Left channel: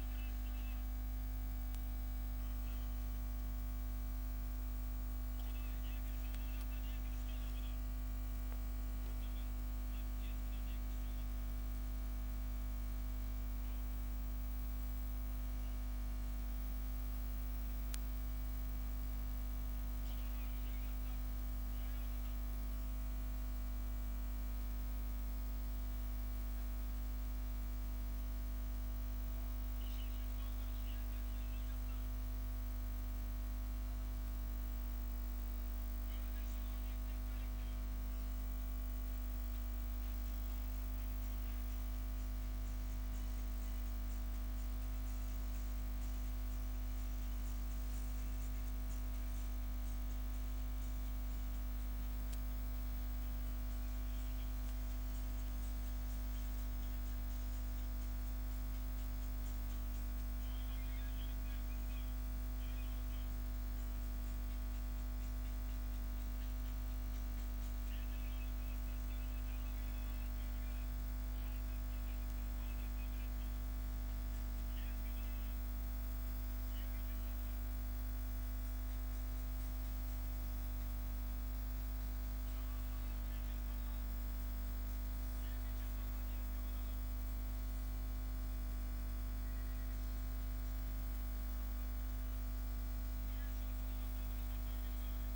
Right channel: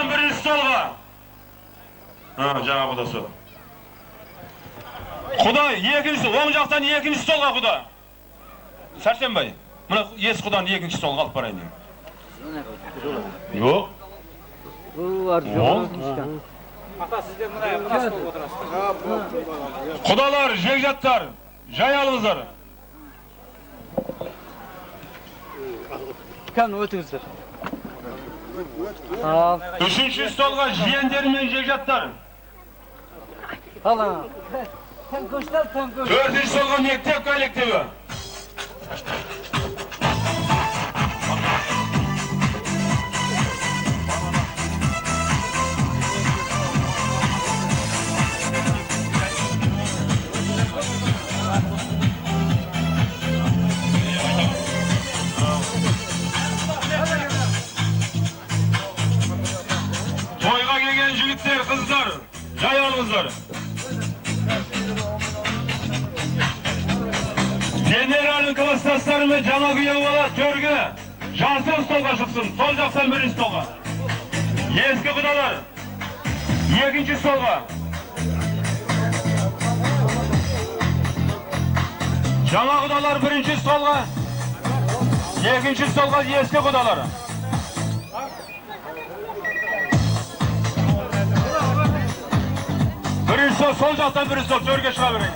Oğuzcan birinci stolga. Ha, cana kudası. Kuda ikinci, oğun jaktan ikinci stolga kuda. Sarsenbay, buna es kudan ikinci stolga alıp barayın. Yok. Bu var, yok. Ata sizden buna stol oturasınız. Kudalar, jegjatlar, jay alыңыздар. Kan ötüңüzдөр. Üçüncü stolga jiyenderim men jegjatlar. Hala. Tankoşlar tankoş. Dördüncü stolga mektep kollektivi. Toyga gelgen jigitler, kızlar, jay alыңыздар. Generalın klasstaslarını cana kıyılmalı törgü. Jansın stolga çıksın, sol jaktan birinci stolga. Eski kudalar. Ikinci stolga. Cana kudalar birinci stolga. Ikinci stolga eski kudalar. Birinci stol, sol jaktan birinci stol, törgü çığa vereyim.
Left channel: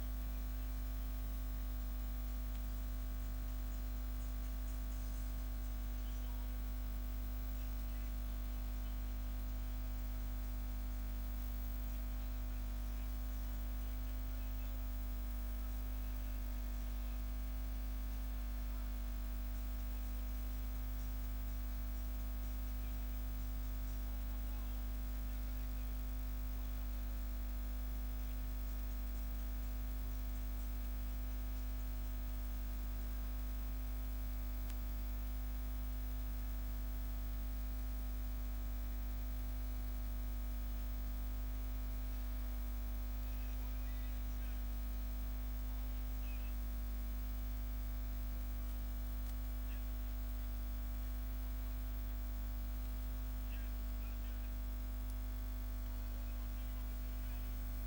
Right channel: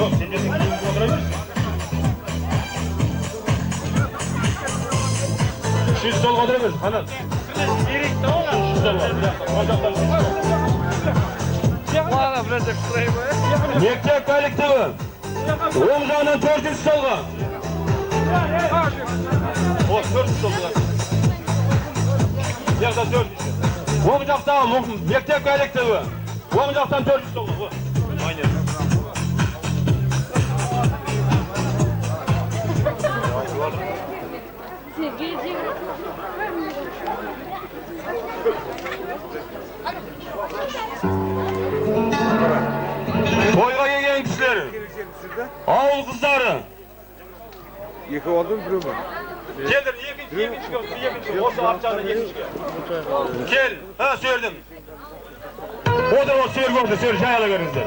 Yok, sen de oturabilirsin. Şu stol oturabilirsin, Hanan. Şu stol var, bir dakika, bacaklar Bana birazcık sırayı bu. Mektep kollektivi. Oğun жағынан төртінші stolga. O, төртінші stolga. Yaxda төртінші. Oğun жақтан mektep kollektivi. Oğun жақтан төртінші stolga. Aynen. Toyga gelgen kişiler. Ağul kızları. İki oldu mu? Gelir, ikinci. Olsa apçağına ikinci. Gel, ha söyledim. O da o söyledi orada, söyle, jayala görünüzler.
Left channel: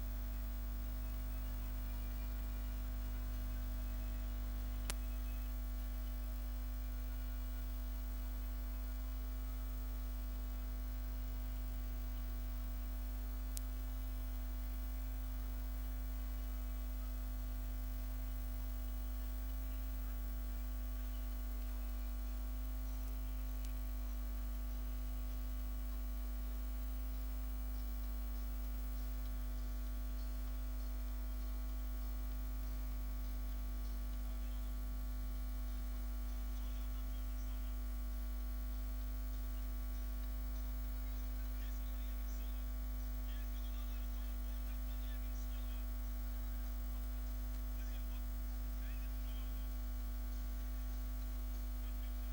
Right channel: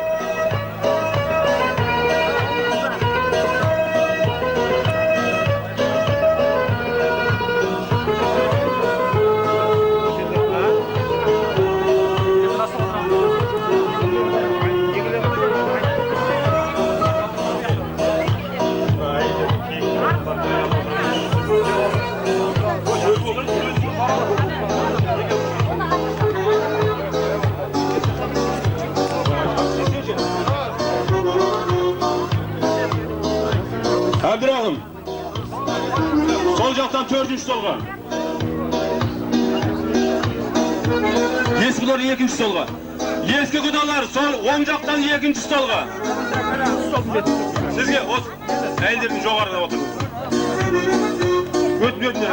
Abdurrahim. Sol jaktan dördüncü stolga. Eskiler ikinci stolga. Eski kudalar sol oң jaktan ikinci stolga. Sizge äylderdiň jogarda oturun. Ötmötün.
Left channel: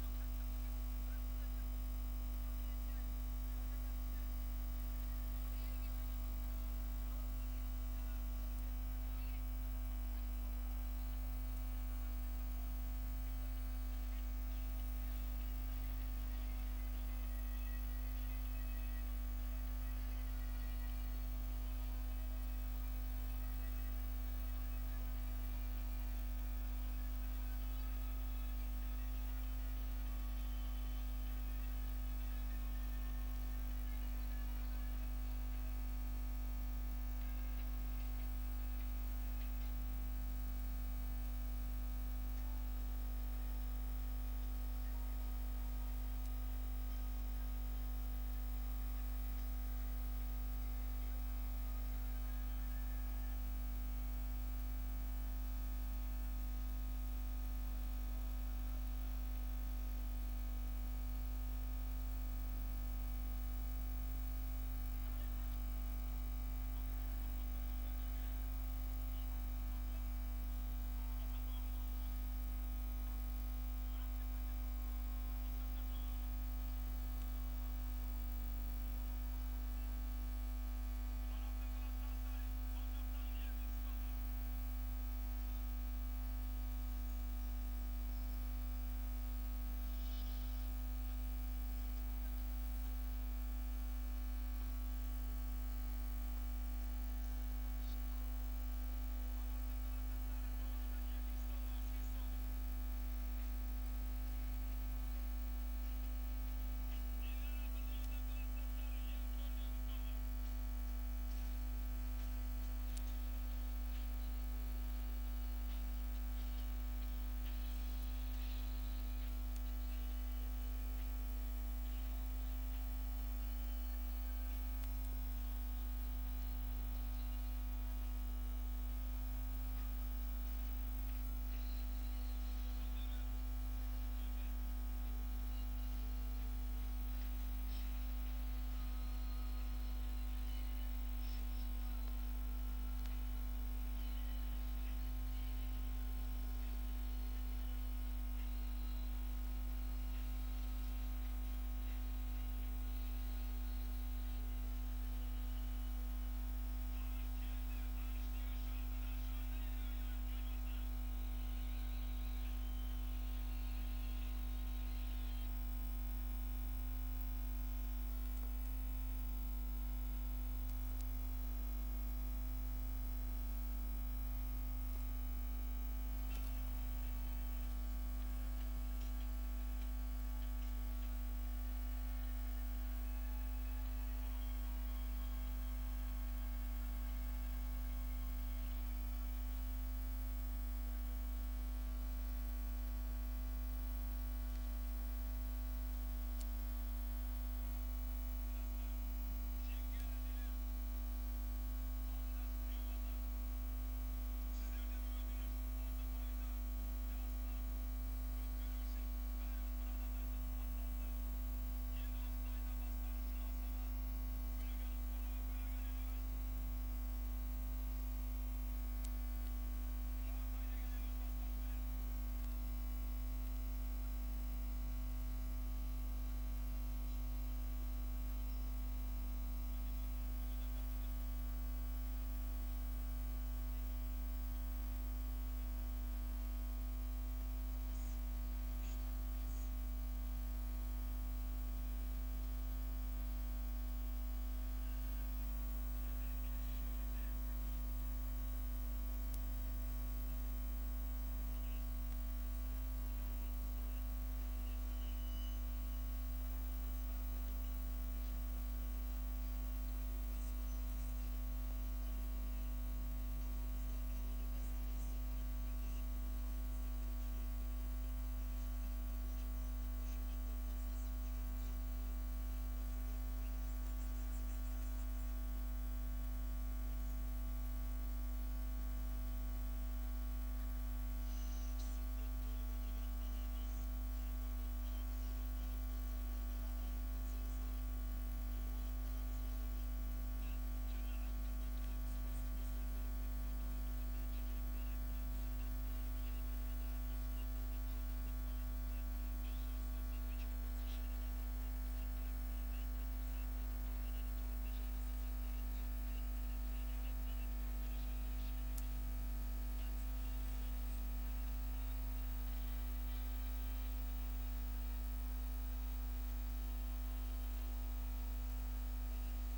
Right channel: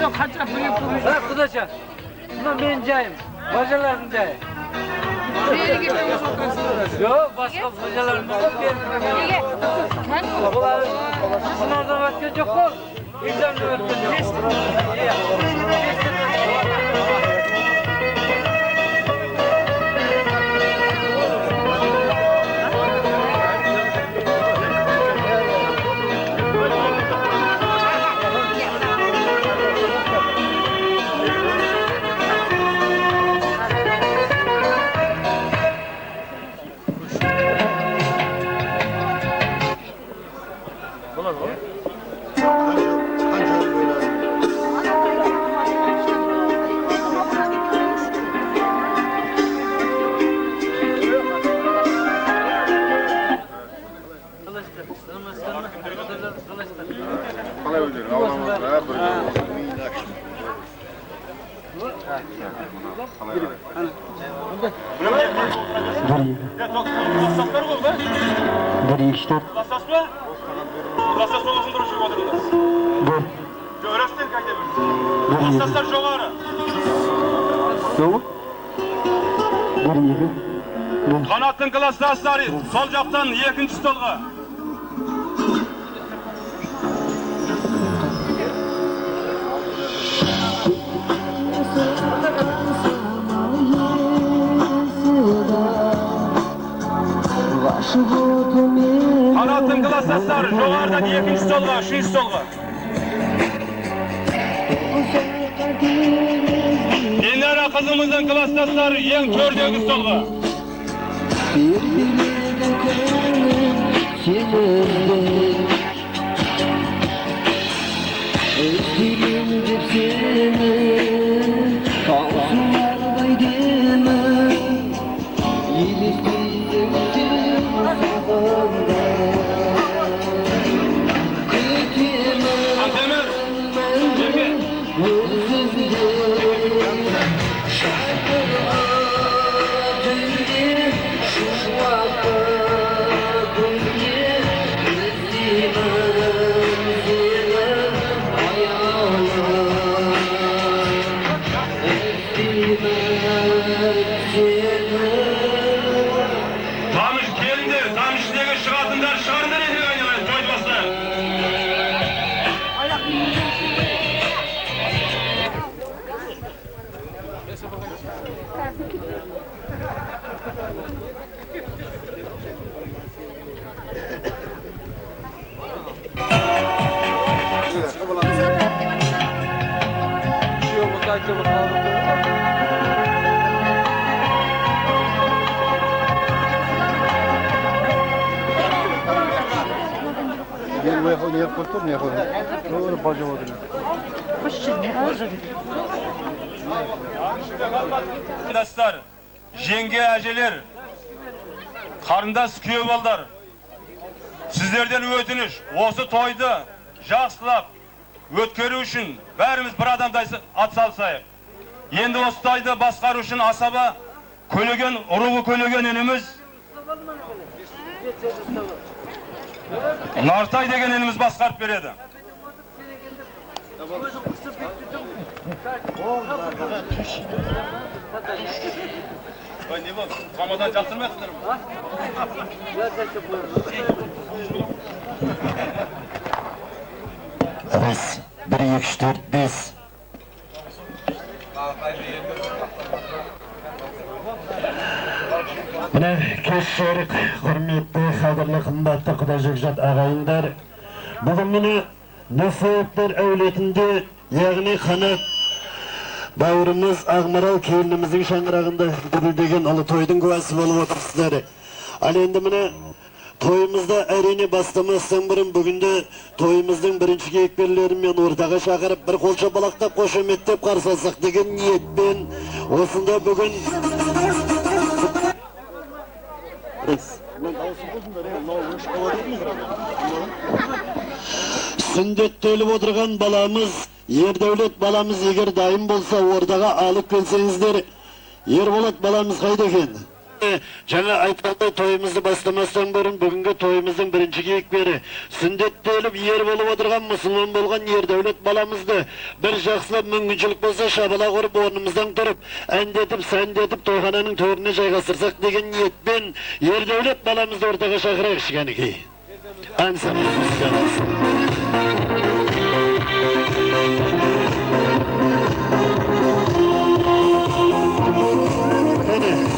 Yok kaça büyük bu. Bırak kudaça. Buna benim cayım. Bacaların cayı. Yok başka bacaların yok. Bunlar sınavdan vakit yok mu? İmzamda vakit yok. Bir işte. Rassas mı? Rassas olmasın duruşu otururlar. Dur. Öğretmen kaydedilir. Rassaslar joğarı. Yok. Bir yeri. Kanatın klassasları sol captan 2. stolga. Kanatın klassasları joğardan 2. stolga, 3. stolga. Dinlere kızımızın klassasları en 4. stolga. Antemir, Cemil. Tanış geldi, tanışlığı şıgatından şardır edin oynayın, çoğutmasın. Gel buraya ne yapıyorsun ne yapıyorsun? Doğru bacım odur. Arkadaşlar, yenge aceler, karındas köyballar, sizlerden ötünüş, osu toyda, жақсылап, өткөрүү үшін бәріміз бір адамдай ат салсайық. Енді осы тойды басқару үшін асаба көлеген, ұрығы көлеген ініміз, Нартай деген ініміз басқарып береді. Ой, не болды? Қамадан жақтырмайсыңдар ма? Biz 1, 2, 3, 4, 5. Mine keşşerik, hürmetli, kadırlı, kımbatlı, kudacıkjat ağayınlar. Bugün mine Nefetler evletinde, yani kanat bağrımız Ağmaral kelinimizin şangırağında gürüldegen alı toydun kuvası bolup otursuzlar. Al endi mine toyumuzda erini bastamazdan burun bugünde toyumuzdan birinci kekberlerim ortaga çağırıp bir kolça balakta koşumettep karşı alsak degen niyetmen osunda bugün Sünnetте ölüp oturgan balamız, yer devlet balamız eğer daim bolsa ordaga alıp kelsеңizdер, Ерболат balamız kayda eken? Жаңа айтқандай тойымызды бастамастан бұрын бүгінгі тойымыздың бірінші кейіпкері сүндетте өліп ер болып отырған мұсылман болған ердәулет баламызды бір жақсылап мүмкіншілік болса шабала құрып орнымыздан тұрып әндетіп сәндетіп тойхананың төріне жайғастырсақ деген ниетпен ердәулет баламызды ортаға шақырайық кішкенекей.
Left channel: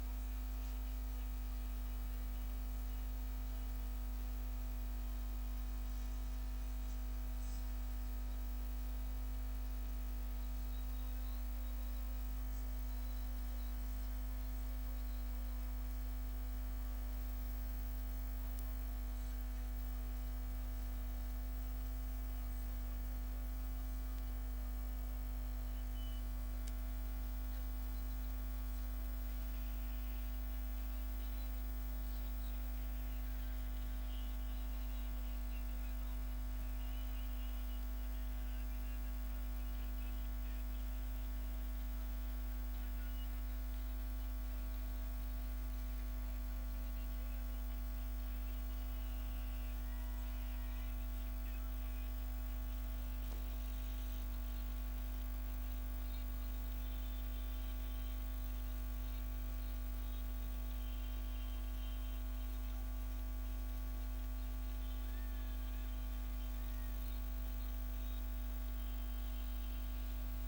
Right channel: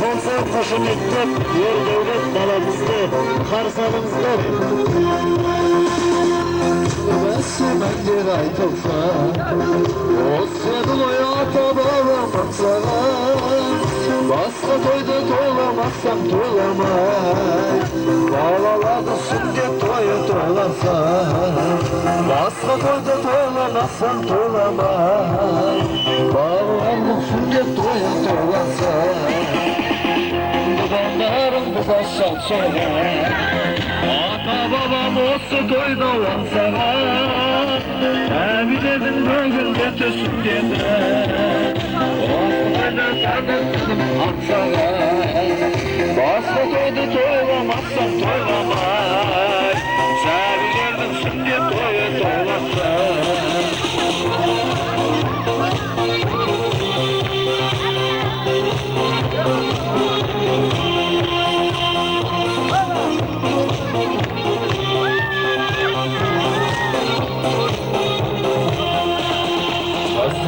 Konser koşumetlep yer devlet balamızdı karşı alınızlar. Ben bir ay topsa o senin hayata bağlamaksa başka toyda toylamazsam toylamay Bağlaladı sünnet toyu toylansa başka toyda toylamazsam toylamay Bağlaladı sünnet toyu toylansa Babanlarım bu baştan söyler Ata babam olsa toyda olansana Evilerin bugün götürsün dediler Ortada sardım kızım atsana Başka toyda toylamazsan toylamay Sevilerdim şimdi toyu toylasın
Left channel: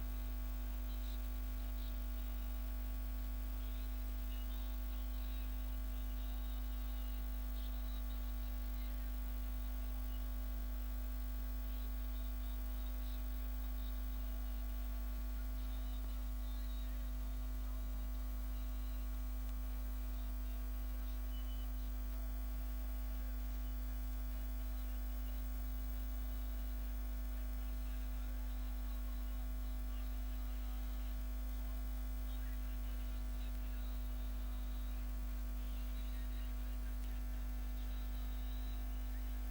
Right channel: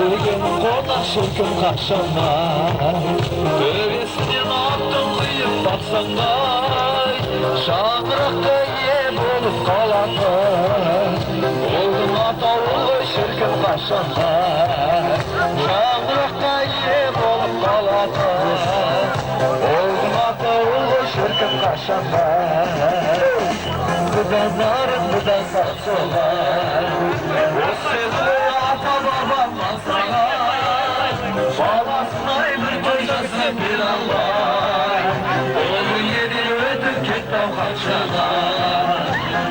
Bugün konuşurken kaşanlar Böylesinin attım kıyıp baksanlar Şanlıkta yem olup kalanlar Oldum atalı şirkin kaşanlar Şanlıkta yem olup kalanlar Oldum atalı şirkin kaşanlar Gıdanlarım gıdan saçıyorlar O sözlü ata babam Babasına bir kocası bir Allah Oğlu yedi ödüm ketmem kaçana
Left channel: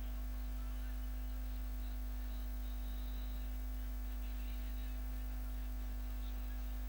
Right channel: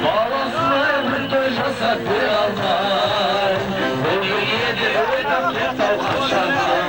Babasına bir kocası bir Allah Oğlu yedi ödüm ketmem kaçana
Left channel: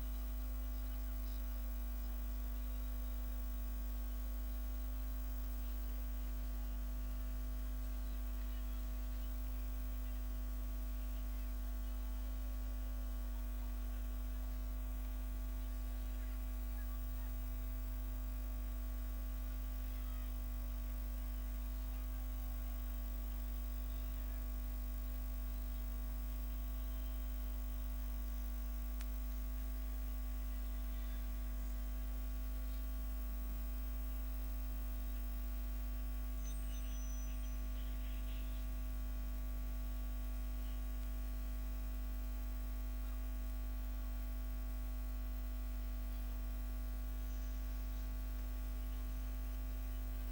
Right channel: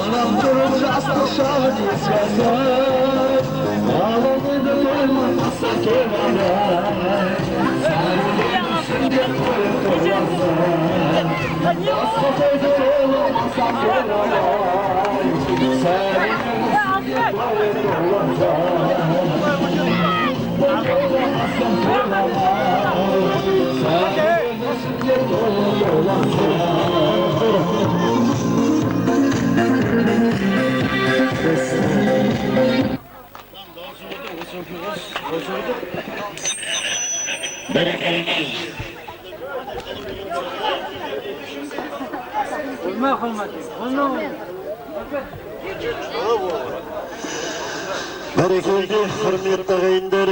Anam durunca asla şahit iskazar Ağlamı da doylamazsa doylamay Sen de doylamazsan Asla doyda doylamazsa doylamay Sen de doylamazsan doylamay Bereketli, hürmetli ağayınlar.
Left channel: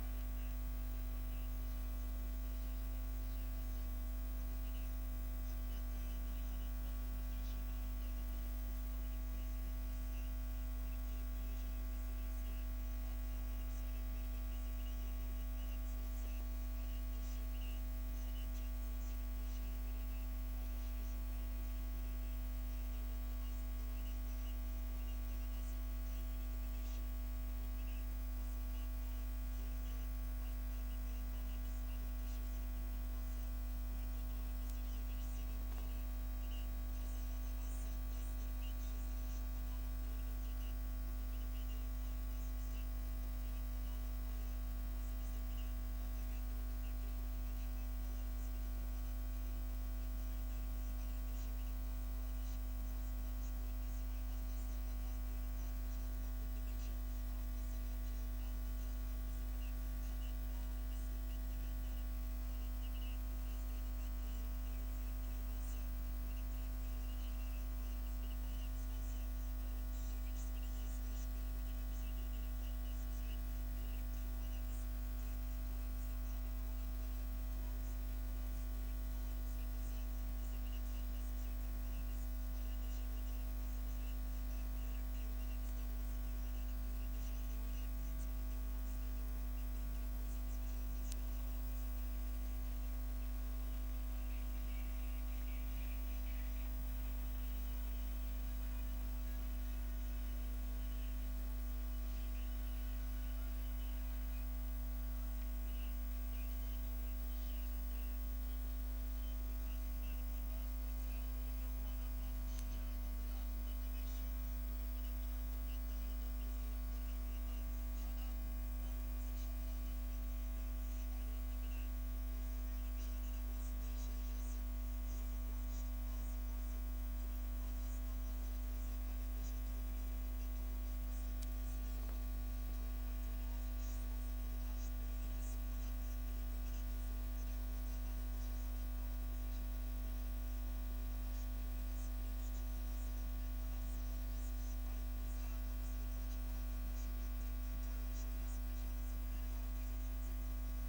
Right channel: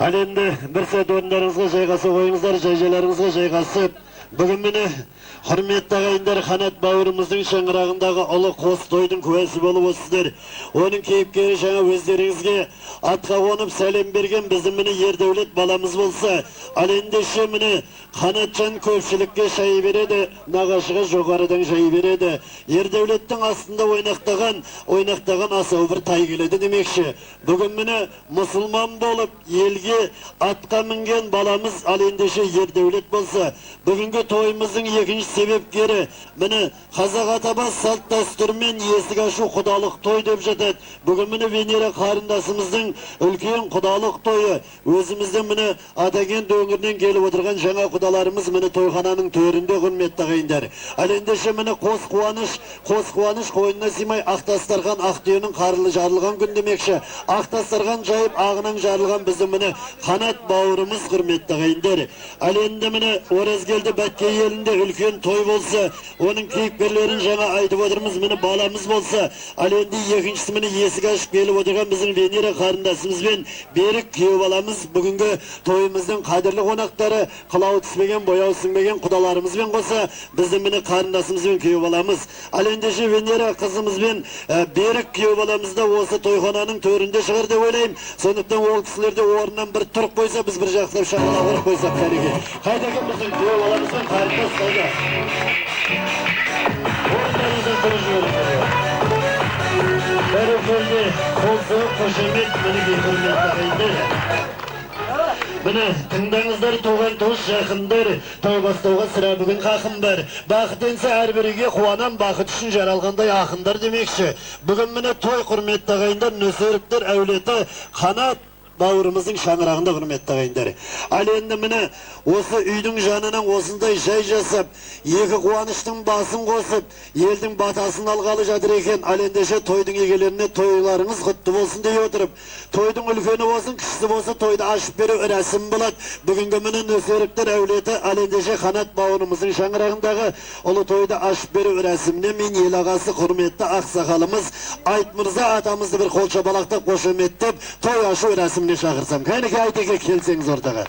Al endi bir saat o'rnlaringizga joyg'asa qo'yingizlar, joylaringizga joyg'asib Бүгін мені құрметті ағайындар, қанат бауырымыздың шаңырағындағы ұлы қос тойдың куәсі болып осыздар. Оның кейіпкері жаңа өздеріңізге атқа қонып сәлем берген біздің міне Ердәулет баламыз болса, ал ендеше міне Қанатжан көпшілікке шай береді, нағашыға жоғарыдан шай береді. Ердәулеттің астында ойнақтаған асау бір тай келеді демекші. Бүгін міне мұсылман болып елге атқа мінген баламыз ал ендеше Ердәулет болса, бүгінгі тойымыздың екінші себепкері міне қазақ атабас салт дәстүрмен есік ашу құдалық той деп жатады. Бүгін міне Венера қарындасымыздың үлкен құдалық тойы. Өзіміздің міне Атаген өңірінен келіп отырған жаңа құдаларымыз міне тойхананың төрінде құрметті ағайындар. Ал ендеше міне қос қуаныш қойнына сыймай ақ дастархан ақ түйенің қарылы жарылған күн демекші. Ақ дастархан жайып ағынан жарылған біздің міне қанат бауырымыз құрметті ағайындар. Ал енді міне Оразкелді Бәтке елінде үлкен той болса, оның кейіпкерлерін жаңа айтып отырмыз, міне баламыз болса, ал енді екіншісі міне есік ашып келіп отырған біздің Венера қарындасымызбен Берік күйеу баламыз бүгінгі тойымыздың қадірлі қонақтары, қылау түспеген, бояу сіңбеген құдаларымызбен қоса біздің міне қарындасымызбен күйеу баламыз. Ал ендеше Венера қызымызбен Берік күйеу баламыз да осы тойхананың төрінде шығар деп ойлаймын. Сондықтан ол кісілерде орнынан бір тұрып қойса, біз бір жақтап шағала құрып қойсақ кәреге. Қайдакен біздің күйеу баламызбен қарындас қайда? Орындарыңыздан тұрып жіберіңіздер. Бәрекелді, қолсы, қошемет, мінеге құрметті ағайындар. Міне, тыңдаңыздар, туған туыс жақындар, той бастауға сірә бүгін қақым бар. Бақыт енсе әрбіріге қуанам, бақыт үшін жаралғандай ақындар демекші. Бүгін міне той құрметті ағайындар, нөсеріктер әулеті қанат бауырымыздың шаңырағында құрметті ағайындар. Ал енді міне осы үйдің жанынан осындай жай жасап, екі қуаныштың басын қосып, елдің батасын алғалы жатыр екен. Ал ендеше тойдың егелеріне тойларыңыз құтты болсын дей отырып, тойдың үлкені болсын, кішісі болса тойды ашып беру рәсім болады. Бүгінгі міне нөсеріктер әулеті ал ендеше қанат бауырымыздың шаңырағындағы ұлы тойды ашып беру рәсіміне мен ел ағасы құрметті ақсақалымыз Айт Мырза атамызды бір қолша балақтап қошеметтеп той ашу рәсіміне шақырсам. Кәнеке Айтеке келсеңіз ортаға.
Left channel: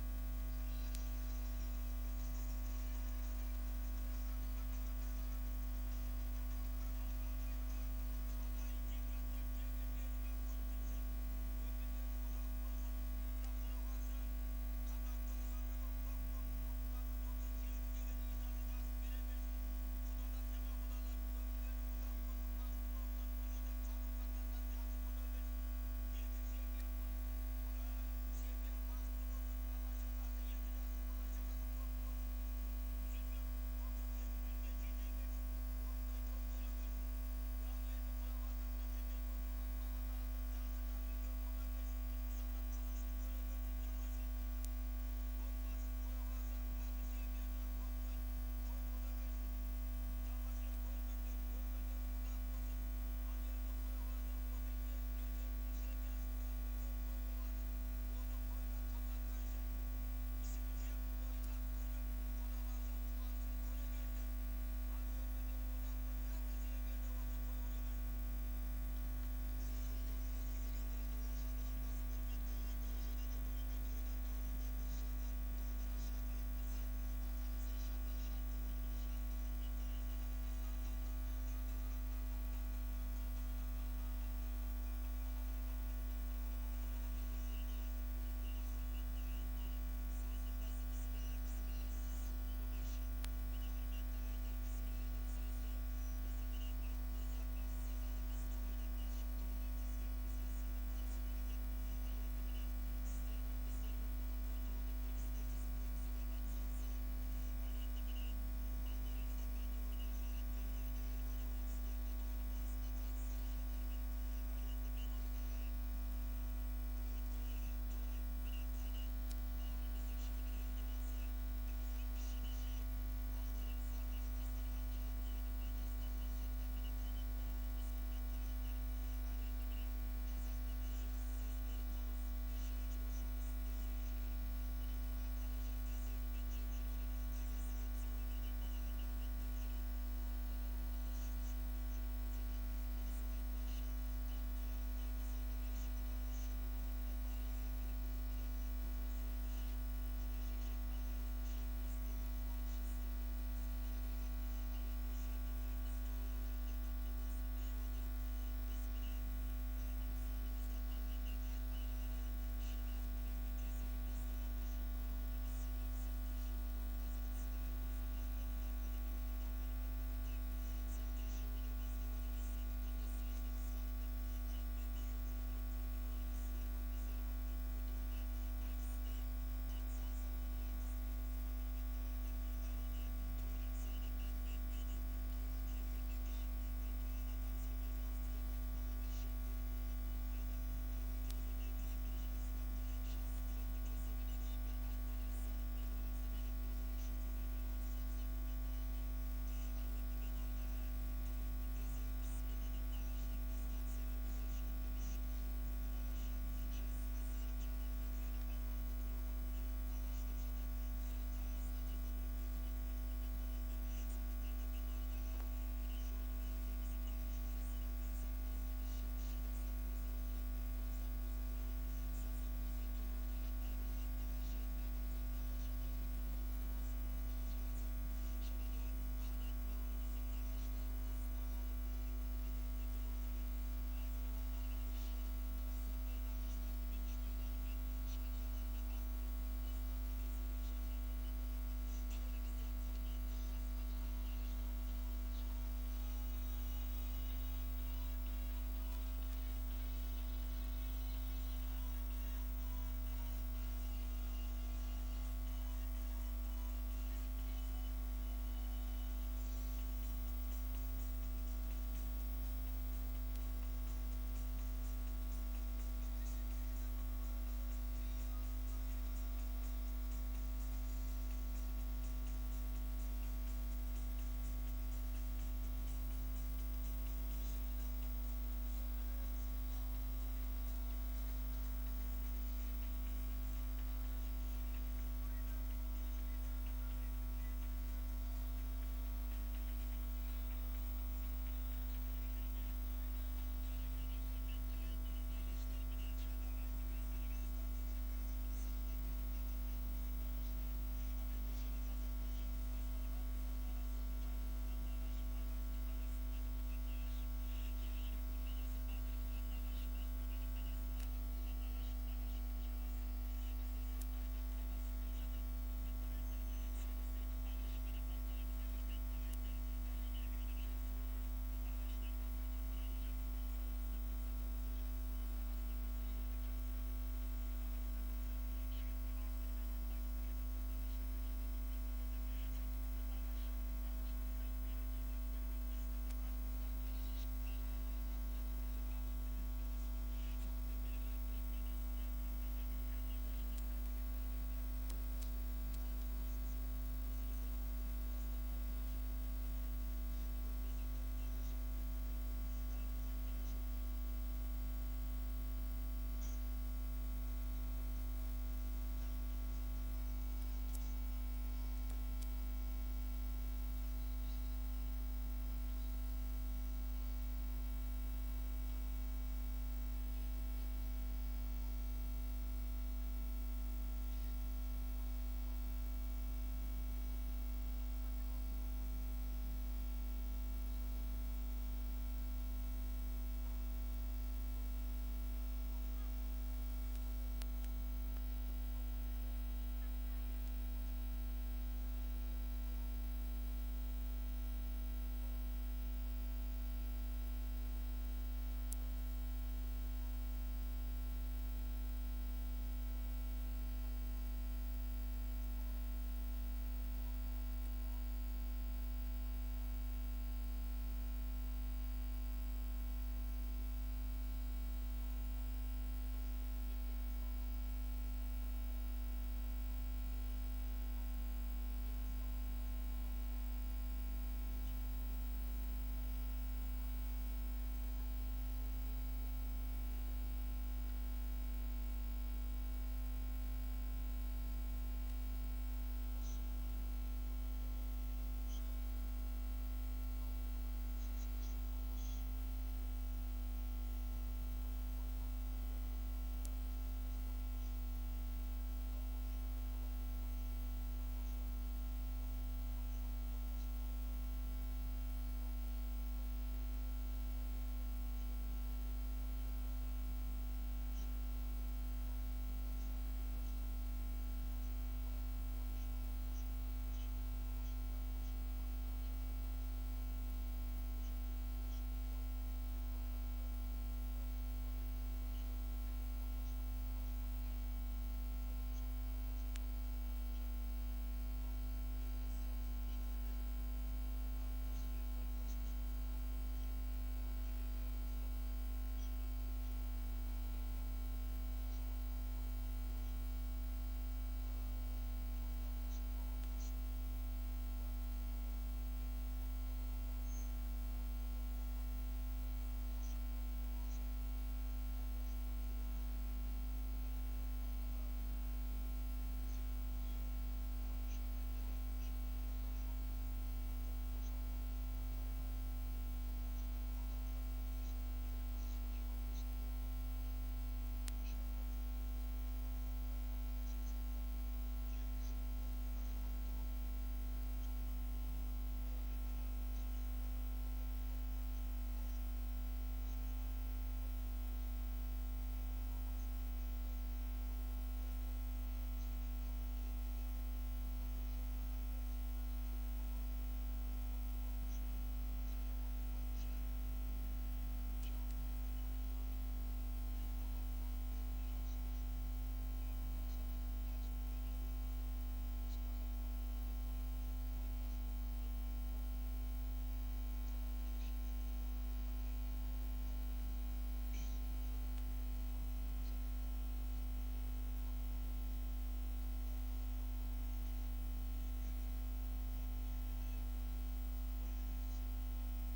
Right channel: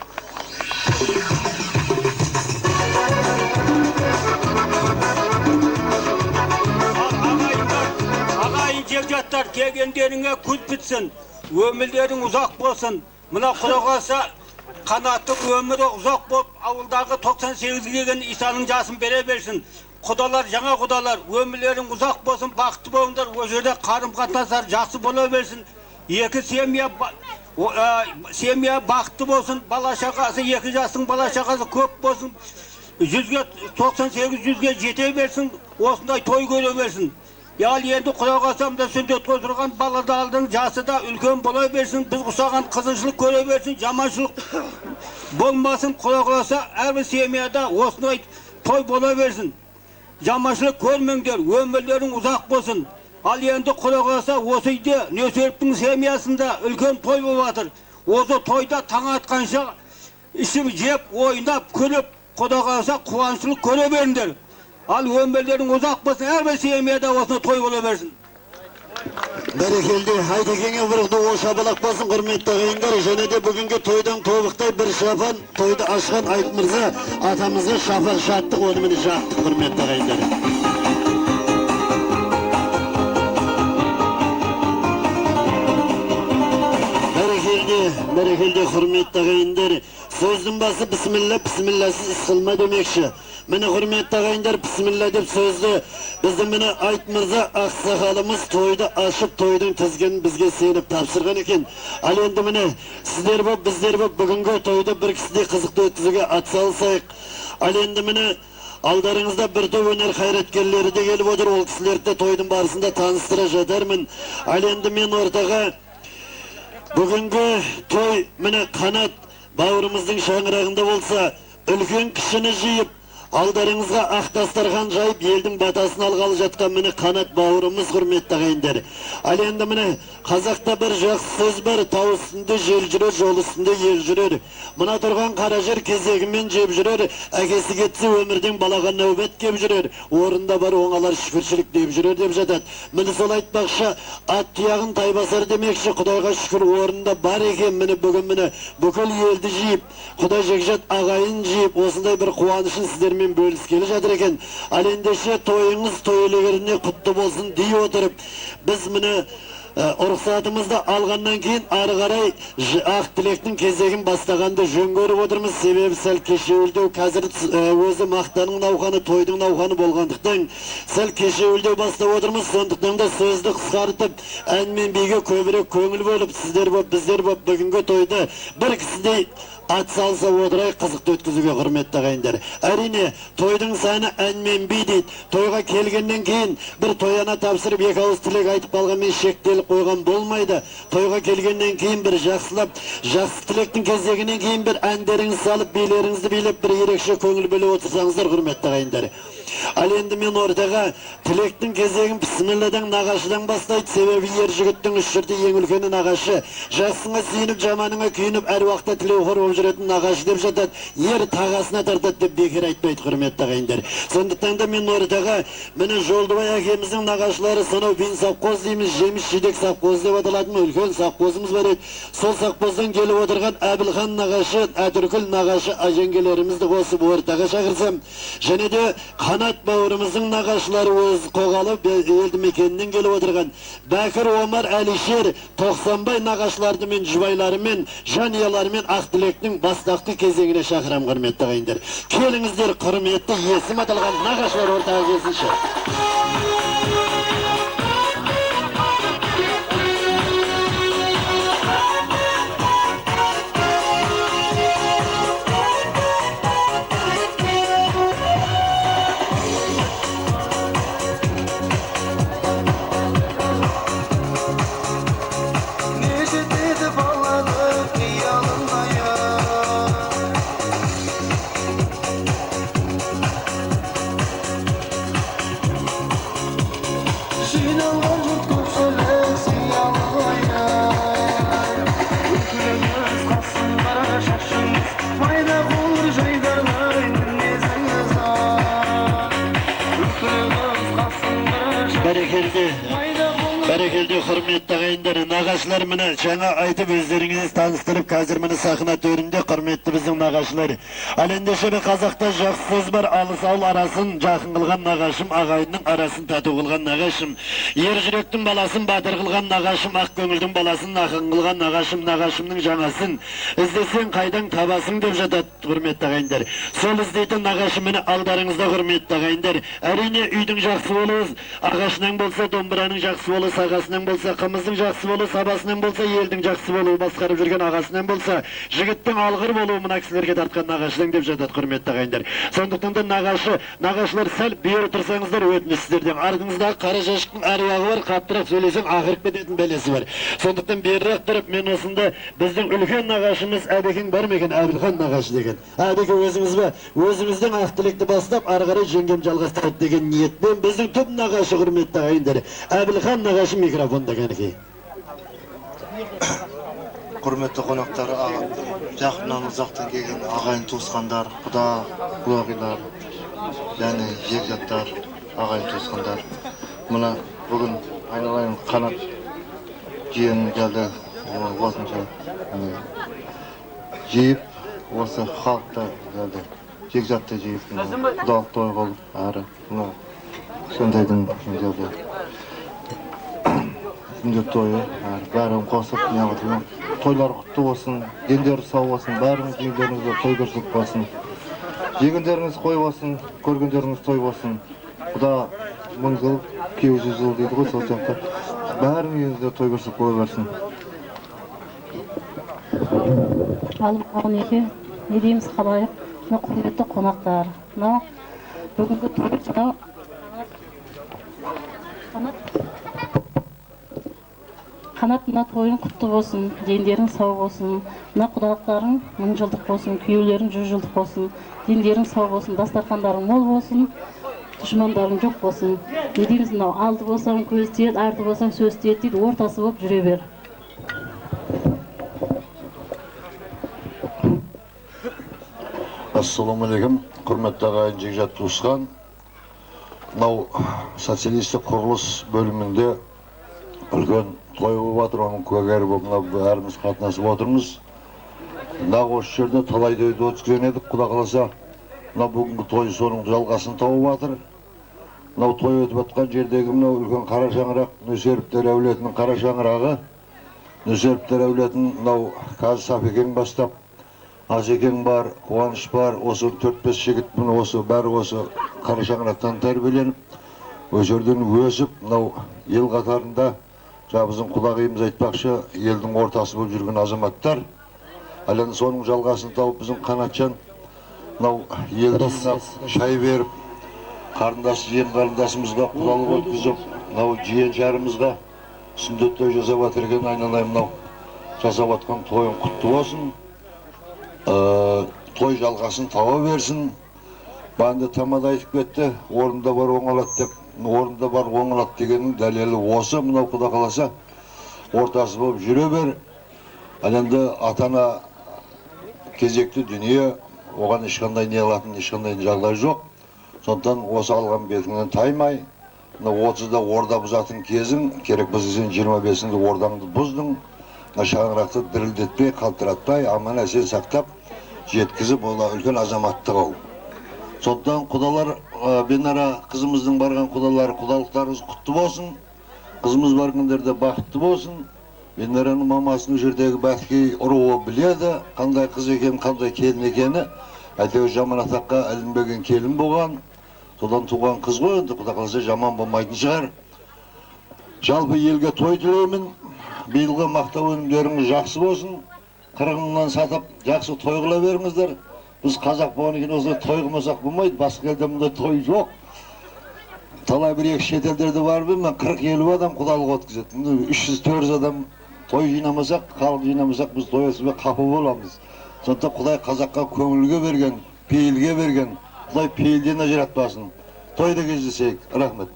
Ағайын жекжаттар келгендеріңе күз бітсін, өмірлерің ұзақ болсын. Мына Құдағаса қанаттың өмірі ұзақ болып, ауылдағы 98 келген Исаның жасын бере берсін. Құдалар, жаңа құдалар, өмірлерің ұзақ болсын, бақытты болыңдар, о жерде қарым-қатынастар жақсы бола берсін. Екі семья бақытты болсын, бала шағасы, екі жастың бала шағасы көп болсын, 98-100-ге жете берсін, осындай той көре берсін. Ял енді Құдағасамда сүндет қойдырған баладардың жасы да үлкен бола берсін, біз ұсаған қызыншылық көре берсін, жаманшылық болмасын. Құдағаса әрбір семьяда осындай той бола берсін. Жаманшылық көрмеңдер, өмірлерің ұзақ болсын. Ал енді Құдағаса осы үйде Нөсеровтің семьясында үлкен той болып жатыр. Осы тойда таң атқанша ішіп жеп, ойнап, күліп, Құдағаса қуаншылық көре беріңдер. Ал өмірлерің ұзақ болсын, әрбір семьяда осыны той бола берсін. Бәрекелді, Айтекеңе бұрықты о шабалақ болсын құрметті ағайындар. Және де бүгінгі тойдан тобықтай бір шапан тойды ашқан Айт Мырза атамызға шапақ шаттық, онымыны жақтық құрметті ағайындар. Бәрекелді құрметті ағайындар. Сөздің басы бісміллә, бісмілләсіз іс қылма демекші. Міне құрметті ағайындар, бісміллә деп сөзді біздің міне Айт Мырза ақсақалымыз тойды ашып, тойдың тізгенін бізге сеніп тапсырған екен. Ал енді міне сіздер боп, біздер боп бүгінгі тойды бір кісідей қызықты өткізуге атсалысайық. Ал енді міне алдарыңызда бір топ өнер қайраткерлері де келіп отыр. Ол кісілерді тойдың барысында таныстыра жатармын. Ал енді мен ортаға бүгінгі той міне қанат бауырымыздың шаңырағында болса, үлкен кішіні жиып, алдарыңызға ақ дастархан жайып, елдің батасын алғалы жатқан міне қанат бауырымыз құрметті ағайындар. Ал енді міне қазақта бір жақсы сөз бар, тау үстінде жел жүрер, жол үстінде ел жүрер. Мына тұрған қара жер кезегімен жеп жүрер, әкесі кетсе өмірден балаға нәубет кеп жүрер. Орында бар оңалар шүкіршілік деп жүрер деп жатады. Міне сол айтпақша ат тұяғын тай басар демекші. Құдайға шүкір орында бар екен. Міне бүгін міне бүкіл елді жиып, Құдай жекжат ағайын жиып, осындай бір қуанышын сіздер мен бөліскелі жатыр екен. Ал ендеше тойыңыз тойлығыріне құтты болсын дей отырып, біз міне рұқсатымызды алғаннан кейін ары қарай ақ тілектің кезегін бастағанды жөн көріп отырмыз. Себебі сәл кешеуілдеу, қазір өзі мақтаның науқаны, тойдың науқаны болғандықтан сәл кешеуілдеу бастап отырмыз. Сондықтан да сөзді қысқартып, ән мен биге көбірек көңіл бөліп, сіздер боп, біздер боп бүгінгі тойды бір кісідей ат салса отырай қызықты өткізуге құрметті ағайындар. Әрине, тойдың саны ән мен би дейді. Тойға келгеннен кейін бір тояна тапсырып, екі ауыз тілек айтып қалғанмен шектеліп қойған болмайды. Тойға келгеннен кейін бір жақсылап, жақсы тілектің кезегінен кейін бір әндеріңіз салып, билеріңізді билеп, бір ерекше көңіл бөліп отырсаңыздар құрметті ағайындар. Ал енді мен ортаға тілектің кезегін бісмілладан нағашыдан бастайды. Себебі ер жігіттің үш жұрты ең үлкені нағашы. Жасыңа сүйініп, жаманыңа күйініп, әр уақытта тілеуқор болып жүретін нағашы деп жатады. Ер тағасына тартады деп бекер айтпайды құрметті ағайындар. Сондықтан да мен ортаға міне Жолдыбай әкеміздің нағашылары сонау Бин совхоз дейміз, жеміс жидек совхоз деп аталатын үлкен совхозымыз бар еді. Сол совхоздан келіп отырған Әбілхан нағашы, Әтіркүл нағашы жеңгелерімізді қосып ортаға шақырсам, және де Қанат бауырымыздың нағашылары өз қоғалы елді мекенінен келіп отырған Бәкір, Омар, Әлишер, Тоқсанбай нағашыларды мен жұбайларымен, жанұяларымен ақ тілектің бастақты кезеңіне шақырам құрметті ағайындар. Келіңіздер, құрметті есім аталған нағашылар ортаға келсінші. Бәрекелді құрметті ағайындар, нағашылар міне жаңа айтып өздеріңіз таныстырып, қазір міне сахна төрінде құрметті біздің нағашылар. Ал ендеше қазақта жақсы сөз бар, алыс ауыл арасын жақын қылған нағашым, ағайынның арасын тату қылған нағашым. Ер жүректің баласын батыр қылған нағашым, ақ көңілдің баласын ақын қылған нағашым, нағашымның жаңасын іздесең қайдан табасың деп жатады құрметті ағайындар. Сол іздейтін нағашым міне алдарыңызда құрметті ағайындар. Әрине үйдің жақсы болуыз, ағашынан болса домбыраның жақсы болуы, сағасынан болса қымыздың жақсы болуы, сабасынан болса елдің жақсы болуы, басқарып жүрген ағасынан болса жігіттің алғыр болуы мына кісілерге тартқан нағашыдан деп жатады құрметті ағайындар. Сондықтан да нағашылар сәл бері тұрсаңыздар өтініш сіздерден. Артыңыздағы қара жәшіктің аруағы бар, қаттырақ сөйлесең ақырып кететін бәлесі бар. Сондықтан берірек тұрып, мен осында біздің үлкен нағашымыз Әбекең бар ма екен, Әбілхан нағашы деген. Әбеке өзіңіз бе? Өзіңіздің ақ тілекті бастап, ары қарай жеңгем жалғастырады деген ниетпен біздің түп нағашы құрметті ағайындар. Әбілхан нағашы микрофонда кәнекей. Құрметті қонақтар, жақыннан ұзақтан келген ағайын туысқандар, құдағилар, және жекжаттар, ағайын туысқандар. Мына бүгін айналайын Қанат жиенім келді, осынша жиып, осы халықта келді, жекжатты жиып, құдалық той қылып, әрі сондайдың келді. Күндер тойы, бәрін қосып, тойлар құтты болсын, дендері сау болсын, бәріңіз дендеріңізге той көрсек болсын. Жегендеріңіз қой болсын, көргендеріңіз той болсын. Құда 1000 жыл, 200 жыл дейді ғой, сол сияқты. Бәріңізде той көрсек бола берсін. Алым еке, не дейміз қалайық, құрметті қонақтар. Бүгінгі той, Қанат мына тойың құтты болсын, дендерің сау болсын, мына құдалықтарың 1000 жылдық болсын, күйеулерің 100 жылдық болсын, дендерің сау болсын, дастархандарың мол болсын, düşmanдарың жоқ болсын. Не дейміз мынау, алды болсаң көз тиеді, арты болсаң сөз тиеді дейді, ортасы болып жүре бер. Ассалаумағалейкум, құрметті ағайын жекжат туысқан. Мынау социалистік құрылыс бөлімінде үлкен той болып жатыр, оның куәгері болып бәріміз қатынасып отырмыз. Осы жерде талай тойды өткізген едік, құда қаласа. мына бүгінгі той соның жалғасын тауып жатыр. Мынау той өтіп жатқан жердегі мынау үлкен қара шаңырақ, Нөсеровтер әулетінің қара шаңырағы. Нөсеровтер әулетін мынау қазір Сафекең бастап, Асекең бар, Қуаныш бар, осы 4-5 жігіт міне осы бәрі осы қара шаңырақтан тәрбиеленіп, осы жерден өсіп, мынау ел қатарында біздің құдағиымыз айтпақшы, елдің ортасы болып жүрген азаматтар. Ал енді соның жалғасын тауып біздің Қанатжан мынау елді шай беріп, қарындасы жиен қарындасымызға құдалық өткізіп, мынау жиен жарымызға сүндет той жасап жатыр екен, айналайын мынау жасап жатқан тойын құтты болсын. Той жалғасын таба берсін. Банды тамада айтып кетті, орында бар оңалады деп. Орында бар оңалады дегеннің дәлелі осы, мынау құда қаласа ортасы болып жүре бер. Ал енді атана кезекті дүние, оған ешқандай не алатын ешқандай жағдай жоқ. Сондықтан осы алған бетіңнен таймай, 30-да орда бұзатын кезің, керек бізден 25-інде ордаңды бұздың, шаңырақты дірілдетпей, қалтыратпай, аман әсен сақтап, жеткізіп, ола үлкен азаматтық ол. Сондықтан құдалар, Бенара қызымыздың барған құдалары, құдалықтарыңыз құтты болсын, қызымыз барғандерде бақытты болсын. Бенараның мамасының жердегі бәткей ұруы біледі, қандай қыз екен, қандай келін екені. Әйтеуір жаман атаққа ілінбеген келін болған. Содан туған қыз ғой, енді құда қаласа жаман болмайтын шығар. Жалпы елге той тілеймін. Биылғы мақтау өнімдеріңіз жақсы болсын. 40 мыңнан сатып, жақсы той қыла беріңіздер. Біз қазақ болған екен осылай той қылмасақ болмайды. Басқа елде мұндай той жоқ. Талай бір-екі шетелдерде барып мен 40-50 адам құдалық өткізеді. 300-400 адам той жинамасақ, халық жинамасақ, біз той өткізбей қапы боламыз. Сондықтан Құдай қазаққа көңілге берген, пейілге берген, Құдай пейілден ажыратпасын. Тойда кездесейік. Рахмет.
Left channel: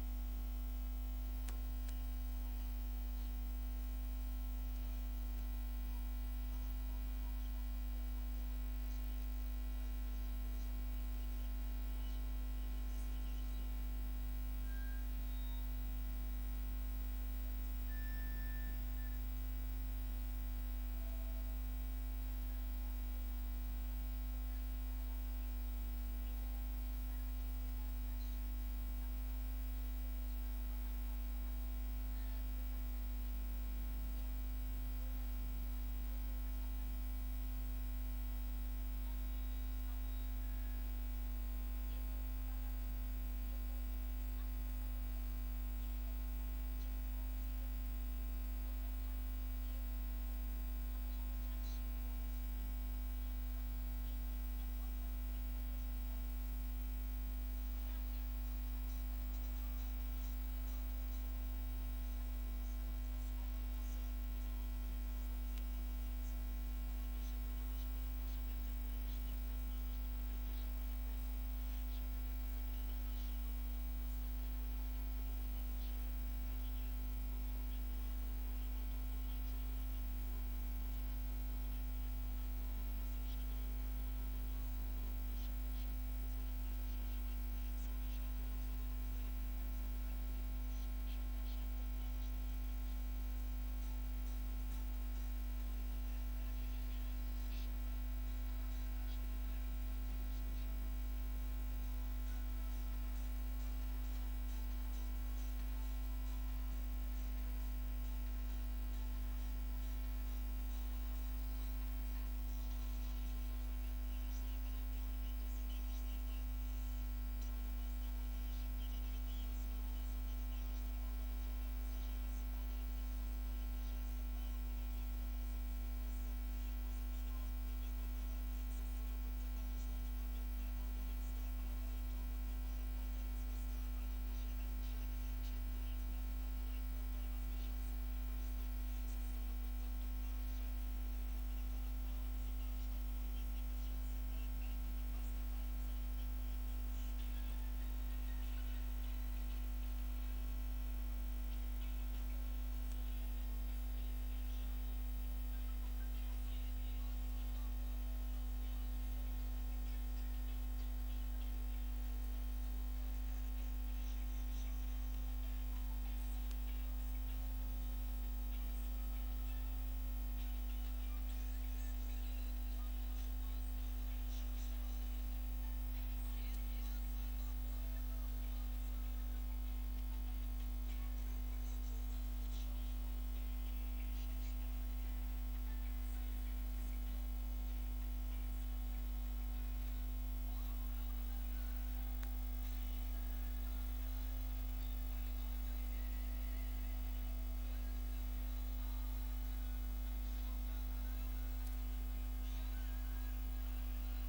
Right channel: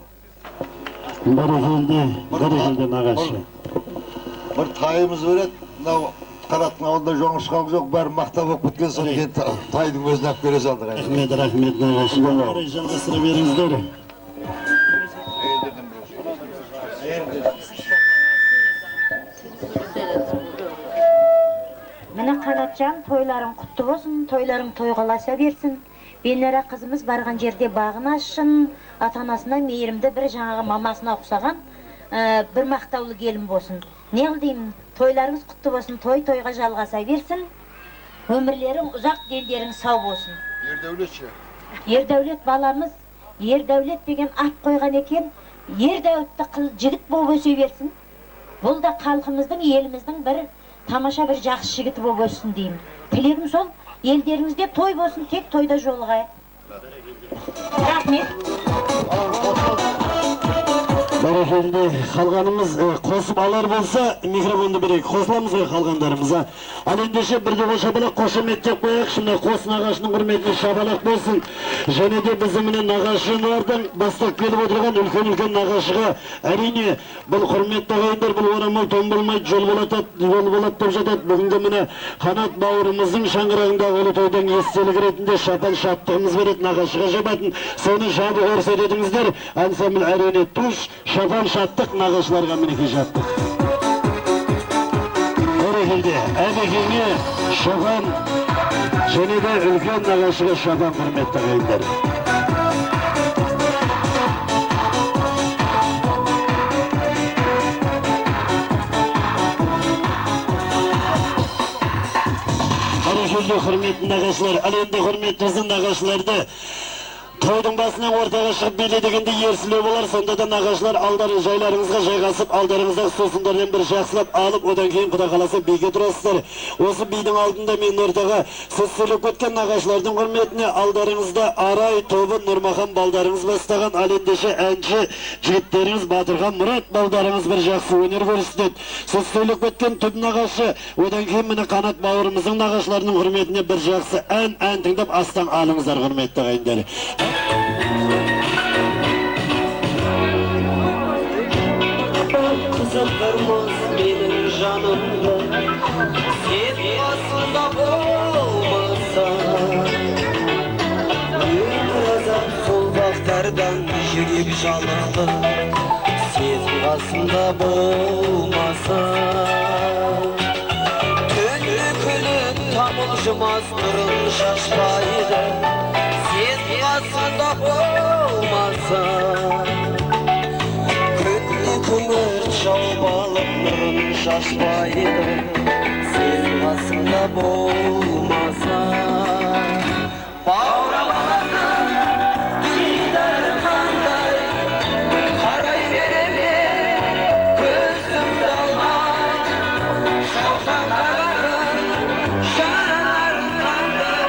Бәрекелді нағашы. Бір тайымыз береді. Мынау Қараттың ауылда жоңышқалық жоқ, бәрі мақтап болып кеткен соң кейін тайдың өзін алып бере салдық. Рахмет нағашы. Жалғастыра беріңіздер. Міне Қанатжан, тойларың құтты болсын, тойларың тойғаласа берсін. Бенара қызымыз барған жерде бағын ашсын, ата-анасына мейірімді бір жаңағы мамасына ұқсаған бір мақтаулы келін болсын. Не қылдеймін, тойларыңыз құтты болсын, той-тойға жалғаса берсін. Өмірлерің ұзақ, дендерің сау болсын. Ердәулет ше? Ердәулет баламыз, Ердәулет деген ат қойған екен, Ердәулетті жігіт болып өсе берсін. Бұл да халқымыздың, еліміздің бір тамаша бір жақсы жігіті болып өссін деймін. Тілегім сол, елдеріңізде той болсын, тек тойда жолығайық. Рахмет. Бәрекелді, қалғанымыз қосып алар болса, микрофонды берейік, қосыламыз ғой қалғандарымыза. Ал ендеше бірде бұл шабалақ қошеметтеп қояқ, шында қос нағашының құрметіне шабалақ болсын. Және де біздіміне нағашылардың бастап келіп отырған үлкен-үлкен нағашыға, әрине, бұл құрметті ағайындар, бұл орамал тон болмайды, жол болады деп жатады. Бүгінгі міне Қанат бауырымыздың шаңырағындағы ұлы тойдан естелік ретінде шапан шаттығымыз береді, нағашыға жабатын. Соны жабы көрсетедіңіздер, ансамбль әрене туш, шапан шаттық, нағашыларға мінеке жаттық. Бәрекелді, әбекеңе шапан, және де үлкен нағашыға шапан, құрметті ағайындар. Бәрекелді, құрметті нағашылар, ал енді құрметті нағашыларды тойдың басынан ортаға шығып биле дегенде ерсілеу болар, сонда да нағашылар алдарың жайларыңызға жайғасып, алдарыңызда сусындардан бір жақсылап алып, одан кейін құда қаласа биге тұрасыздар. Осы бидің алдында мен ортаға сіз сөйлеп кеткен нағашылардың құрметіне алдарыңызда Арай тобы Нұрмахан балдарыңыз бастаған, ал ендеше әнші жігіттеріңіз Батырхан Мұрат балдарыңыз бір жақсы өнер көрсетеді. Сіз сөйлеп кеткен түп нағашы, одан кейін міне Қанат бауырымыздың нағашыларының құрметіне бір жақсы ән тыңдап астан алыңыздар, құрметті ағайындар. Kızılırmız benim canımda, sen aslında olmasa. Bir azap sol baktardan yürüyüp çalındı, sen aslında olmasa. Tünlü külün tam oluşmaz durun şaşmaydı. шалбалып нұрын шашпайды сен қасымда болмаса бауырамағанның дидары қандай қарай береме көзімді алмай шалқаңдаған жанарың қандай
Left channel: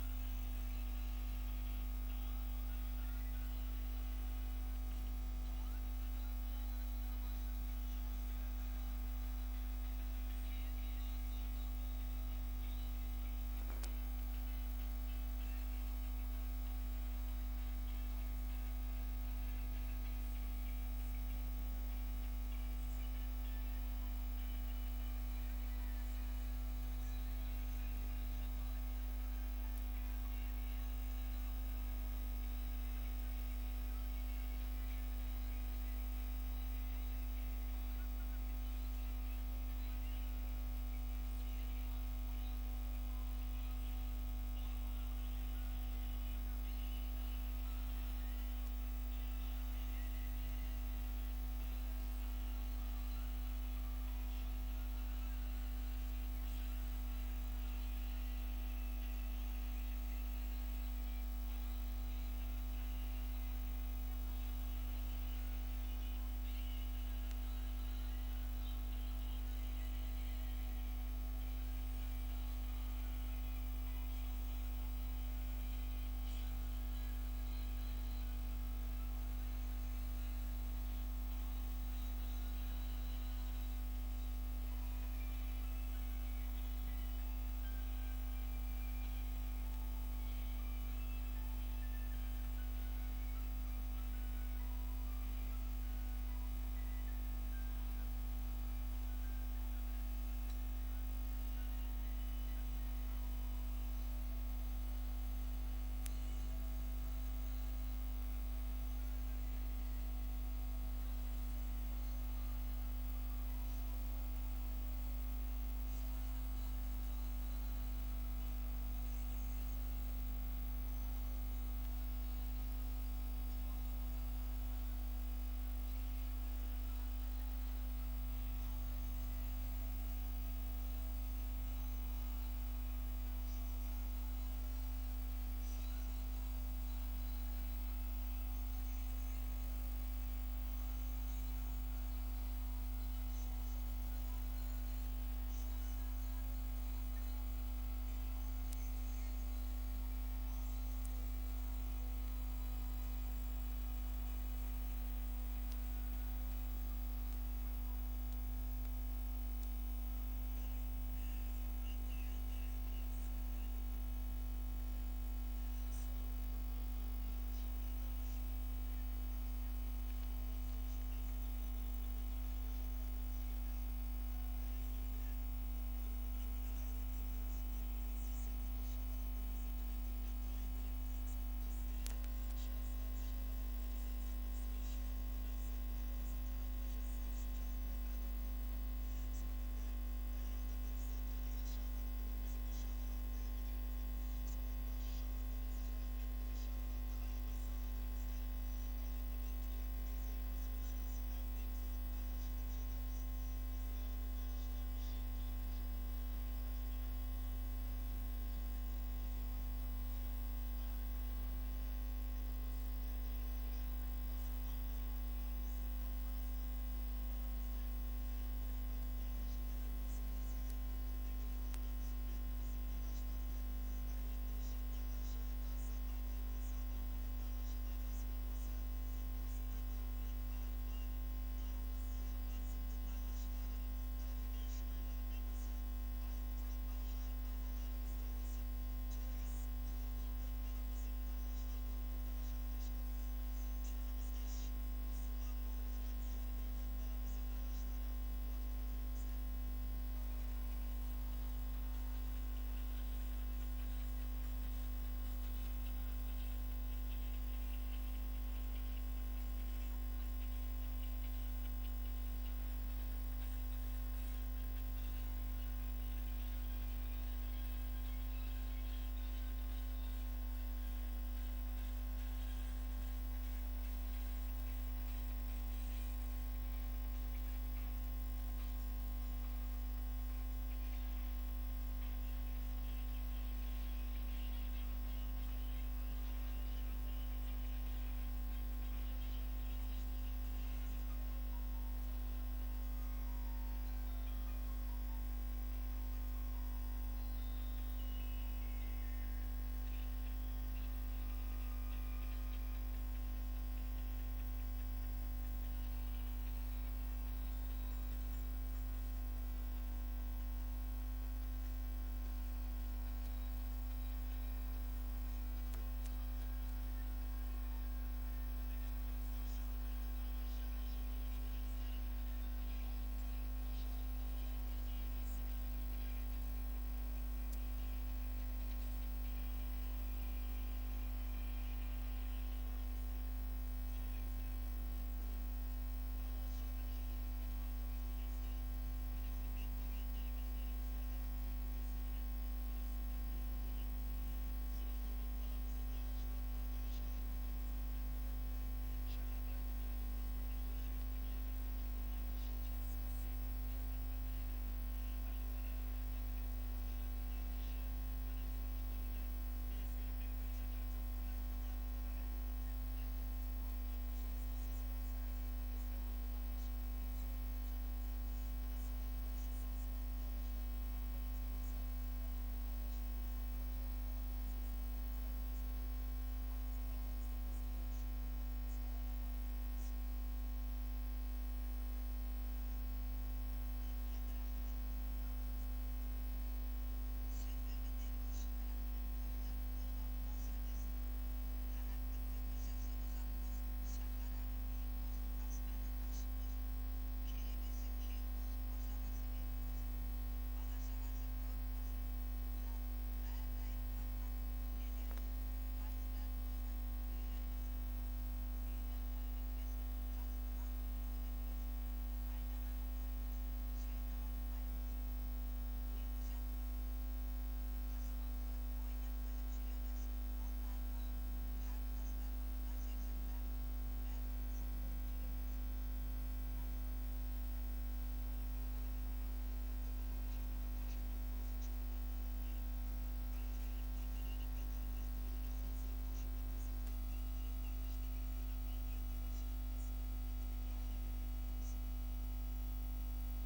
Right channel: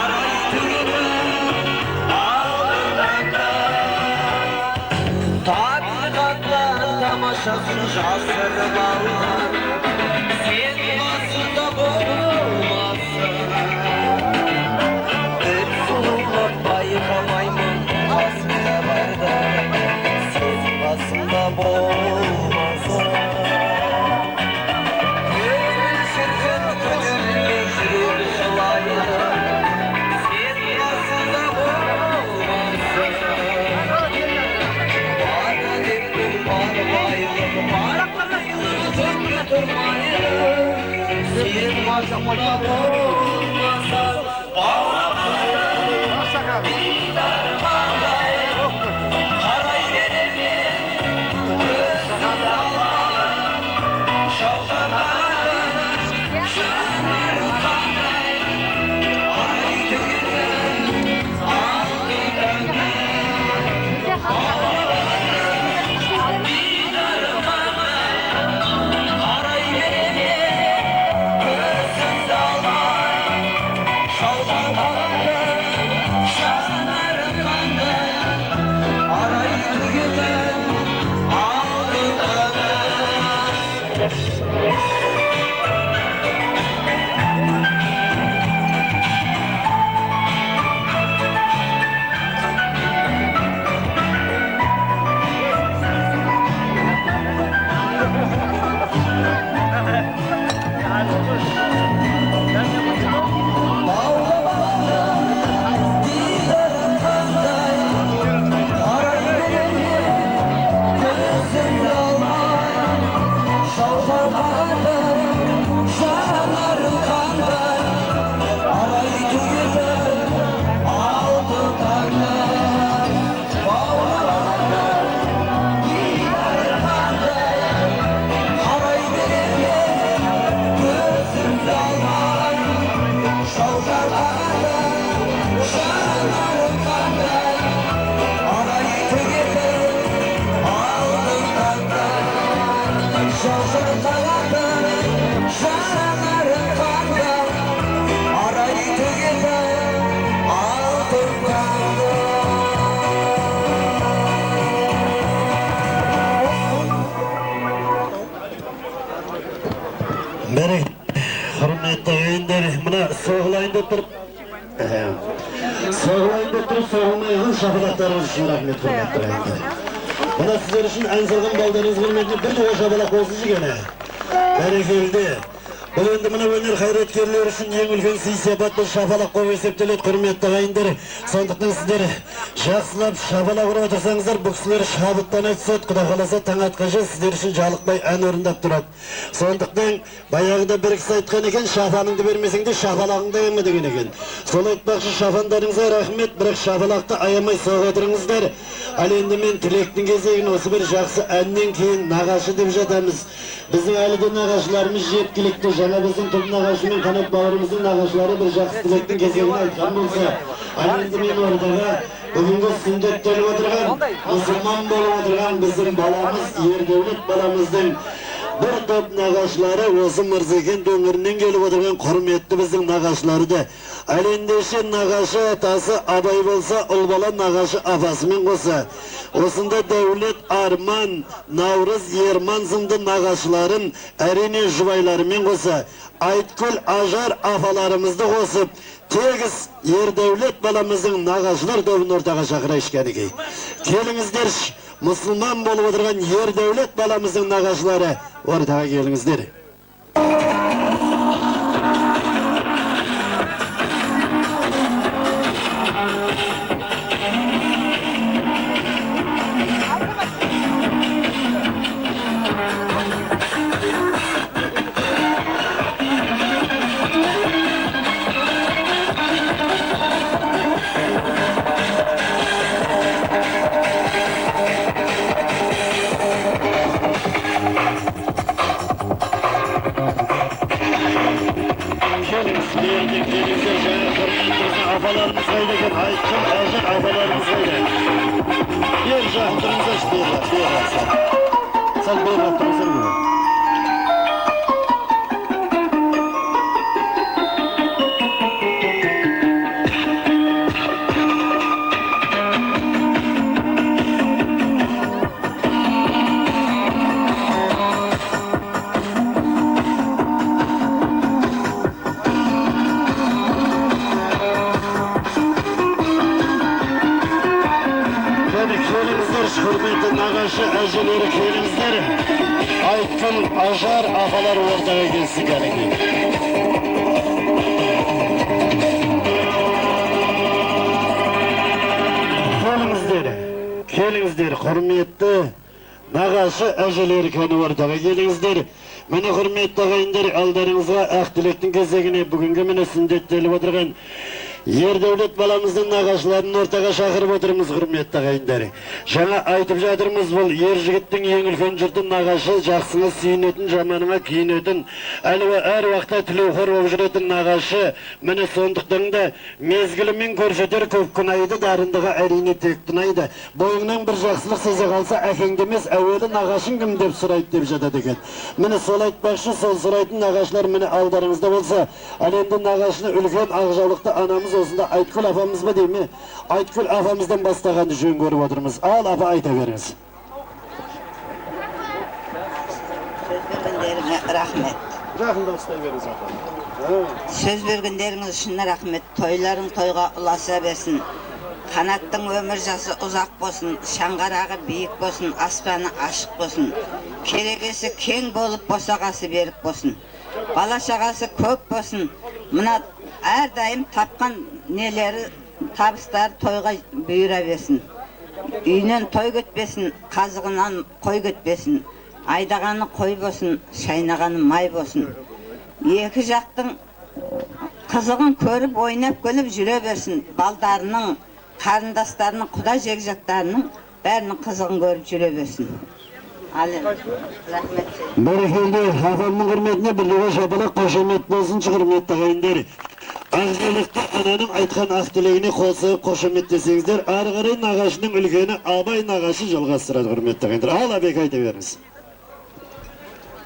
арай түгіліп алдыңда табиғаттан тамашасын жасырып алған сен басында болмасын бір сұлулық байқамаймын қасымда барда сен басында болмасын көңіл шіркін көтерілмей жүрек жылайды сен басында болмасын бара деппін бармайлық бармайлық түнге тұрмайды сен басында болмасын бауырамағанның дидары қандай қарай береме көзімді алмай шалқамағанның жанарың қандай арай түгіліп алдыңда қарай береме көзімді алмай шалқамағанның жанарың қандай арай түгіліп алдыңда Beri, hürmetli ender, buna soğulayın da durup, soğumayın şafalatlarınız için rahmet hürmetli ender. Buna sizler için en salgın baldarınız hürmetli bir de o şafalak olsun gene. Berekildi. Bu endi mına önер hayretkerler için en ulkan siysepat bir şafalak koyu eseptelet hürmetli ender. Soндықтан sizler жақсылап şafalak ұрып отырсаңыздар, bu kişiler şabıttan etset, Құда қаласа таң атқанша sizler için жалықпай ән орындап тұрады. Сондықтан баяғыда бір кісі айтқан екен, шафаныңды бермесеңде шафалағыңды ема деген екен. Сол айтпақшы шафандарыңызға рахмет, бірақ шафалақты аямай соға отырыңыздар. Ал енді мен тілектің кезегін осы бір жақсы әннен кейін нағашы деп жатамыз. Біздің әлі де нағашыларымыз жеткілікті. Жаңа біздің тұл нағашы мен қанат бауырымыздың нағашылары бір жақсы тілектің кезегін айтқан болса, ал енді мен ордаға бүгінгі сүндеттеліп отырған, мұсылман болып отырған біздің баламыз, Ердәулет баламыздың bir top nağaşları осы Мырзекен өңірінен келіп отырған құрметті біздің нағашыларды. Ал ендеше нағашы атасы Абай болса, ұл бала нағашы апасымен қоса. Осында Дәулет, Арман, Наурыз, Ерман сынды нағашыларын әрине жұбайларымен қоса. Айткүл, Ажар апаларымызды қосып, тегіс Ердәулет баламыздың нағашылар тобын ортаға шақырайық кәнекей. Келіңіздерші. Müslüman болып отырған Ердәулет баламыздың нағашылары ортаға келіңіздер. Hoca aldırınıza işte beyler. Sen beyler oturursun mu? Hürmetli nagaşı, acıları köyümüzler, Aytkın, Ajar, afalar ortaya gelsin gerekli. Kelingizler, hürmetli nagaşı, acıları köyü ortaya gelingizler. Mene hürmetli ağayınlar, aldarınızga ak dilektin gezegini bugünkü mene sünnettelip oturgan Yer devlet balamızın nagaşlarını ortaga şakırıp oturumuz hürmetli ağayınlar. Şana aytıp jadırmız bol, yer jigittin eng ulkan jurtun nagaşı, jaksını siynetin, jamanına kiynetin, ali ve er vaqta tilevhor objuretin nagaşı, mene sonduktan da mezgilimin körseter köp kınaydı, darındığa erini tek tunaydı. Boyundan bir jaksılık seze kalsa, efendimiz evveli nagaşın kim dep surayt dep jadadı eket. Mene sol aytbaşı, sol suraytın nagaşlar mene aldarınızda bolsa, alemde nagaşını ülken ağjalıkta anamız olsun da Aytkül afamız mı değil mi? Aytkül afamızdan bastagan düşün görüp oturumuz. Al afa ayta veriniz. Söz vergenlerine rahmet. Rahmet veriniz afa. Söz vergenleriniz için rahmet. Toyların toyga ulasa versin. Kanattın ömür jası uzak bolsun, şangarağı büyük bolsun, aspanı aşık bolsun. Keregesi keng bolup bosagası berip bolsun. Bala şagası köp bolsun. Mına her daim tapkan neleri tabıslar toyga büyüre versin. Üyünen toy götbesin, kazığından koy götbesin. Aydaganı koy bolsun, şaynaganı may bolsun. Eki jaktın kızığın körüp oynap gülüp jüre versin. Baldarının, karındaslarının, kuda jegjaklarının bärinin kızığın görüp jüre versin. Alın, rahmet. Berekeli, hafamın hürmetine birliğe şapalak koşemet bolsun, hürmetli ağayınlar. Ağzılıkta ananın aytkan ak dileğini kolsayıp koşemet desengizler, argırı nagaşının ülkeni abay nagaşı жалғастырады, hürmetli ağayınlar. Al abek ayta veriniz.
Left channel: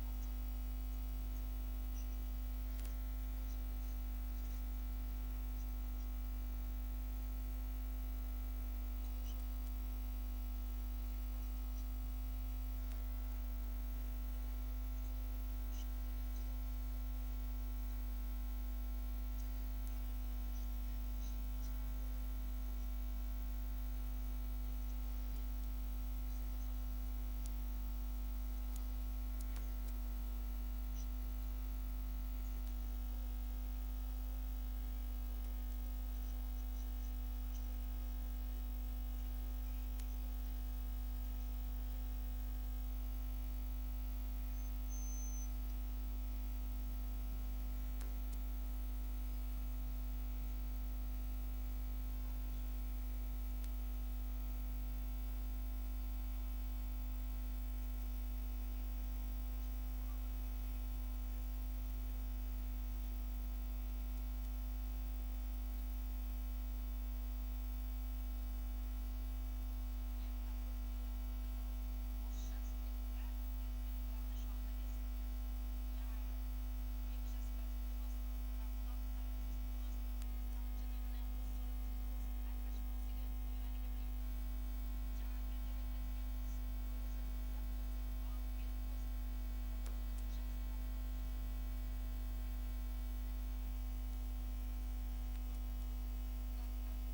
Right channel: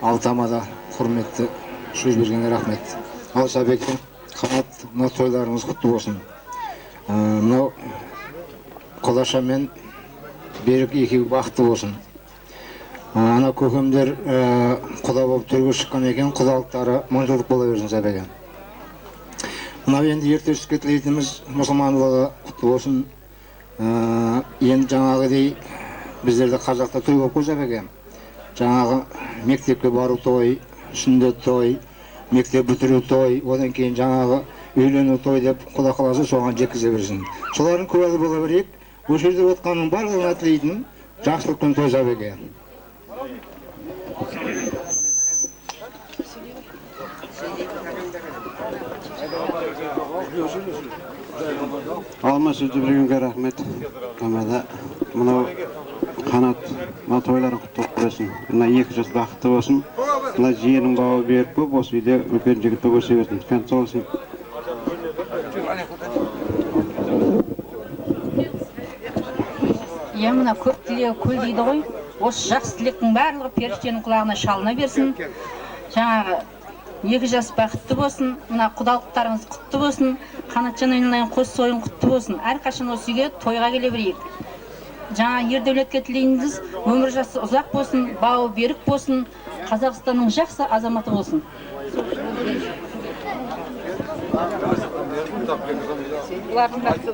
Altamada hürmetli söz bergenge rahmet. Alsa Bek'in kanat toylarınız kutlu olsun. Mınау Құлаша мен Берік екеуі бақытты болсын. Ана көкемдер құда болып төрге шыққан екен, құдалықтары мың жылдық бола берсін сәбеге. Мынау енді ертеске тілейтініміз мұсылмандығы құтты болсын. Енді жаңағыдей біздерде қазақта той болып қой сәбеге. Жаңағы мектепке бару той, сүндет той, мектеп бітіру той, одан кейін жаңағы үйлену той деп құда қаласа соған жеткізе берсін. Солардың куәлі бола берейік. Бұл жерде отқанның барлығына тілейтін жақсылықпен той сәбеге. Alma sözü bergenge rahmet. Amada mınау kanat toylарын құттықтап берсін. Мына 2 жас бақытты болсын. Мына жиенің бауы беріп көп, осы үйде үлкен жігітті өсе берсін. Кәнт болсын. Я мына көп тілегі көл дейді ғой. Осы жақсы тілектің барлығы періштенің құлағына шалына берсін. Жаңағы 2 жас бақытты болсын. Мына құдалықтарыңыз құтты болсын. Қанатжан айналайын қос сойын құтты болсын. Әрқашан осы үйге тойға келе берейік. Жаңа ердәулетке тілейміз, өмір жасы ұзақ болсын, бауы берік болсын, Қазақстанның жақсы азаматы болсын.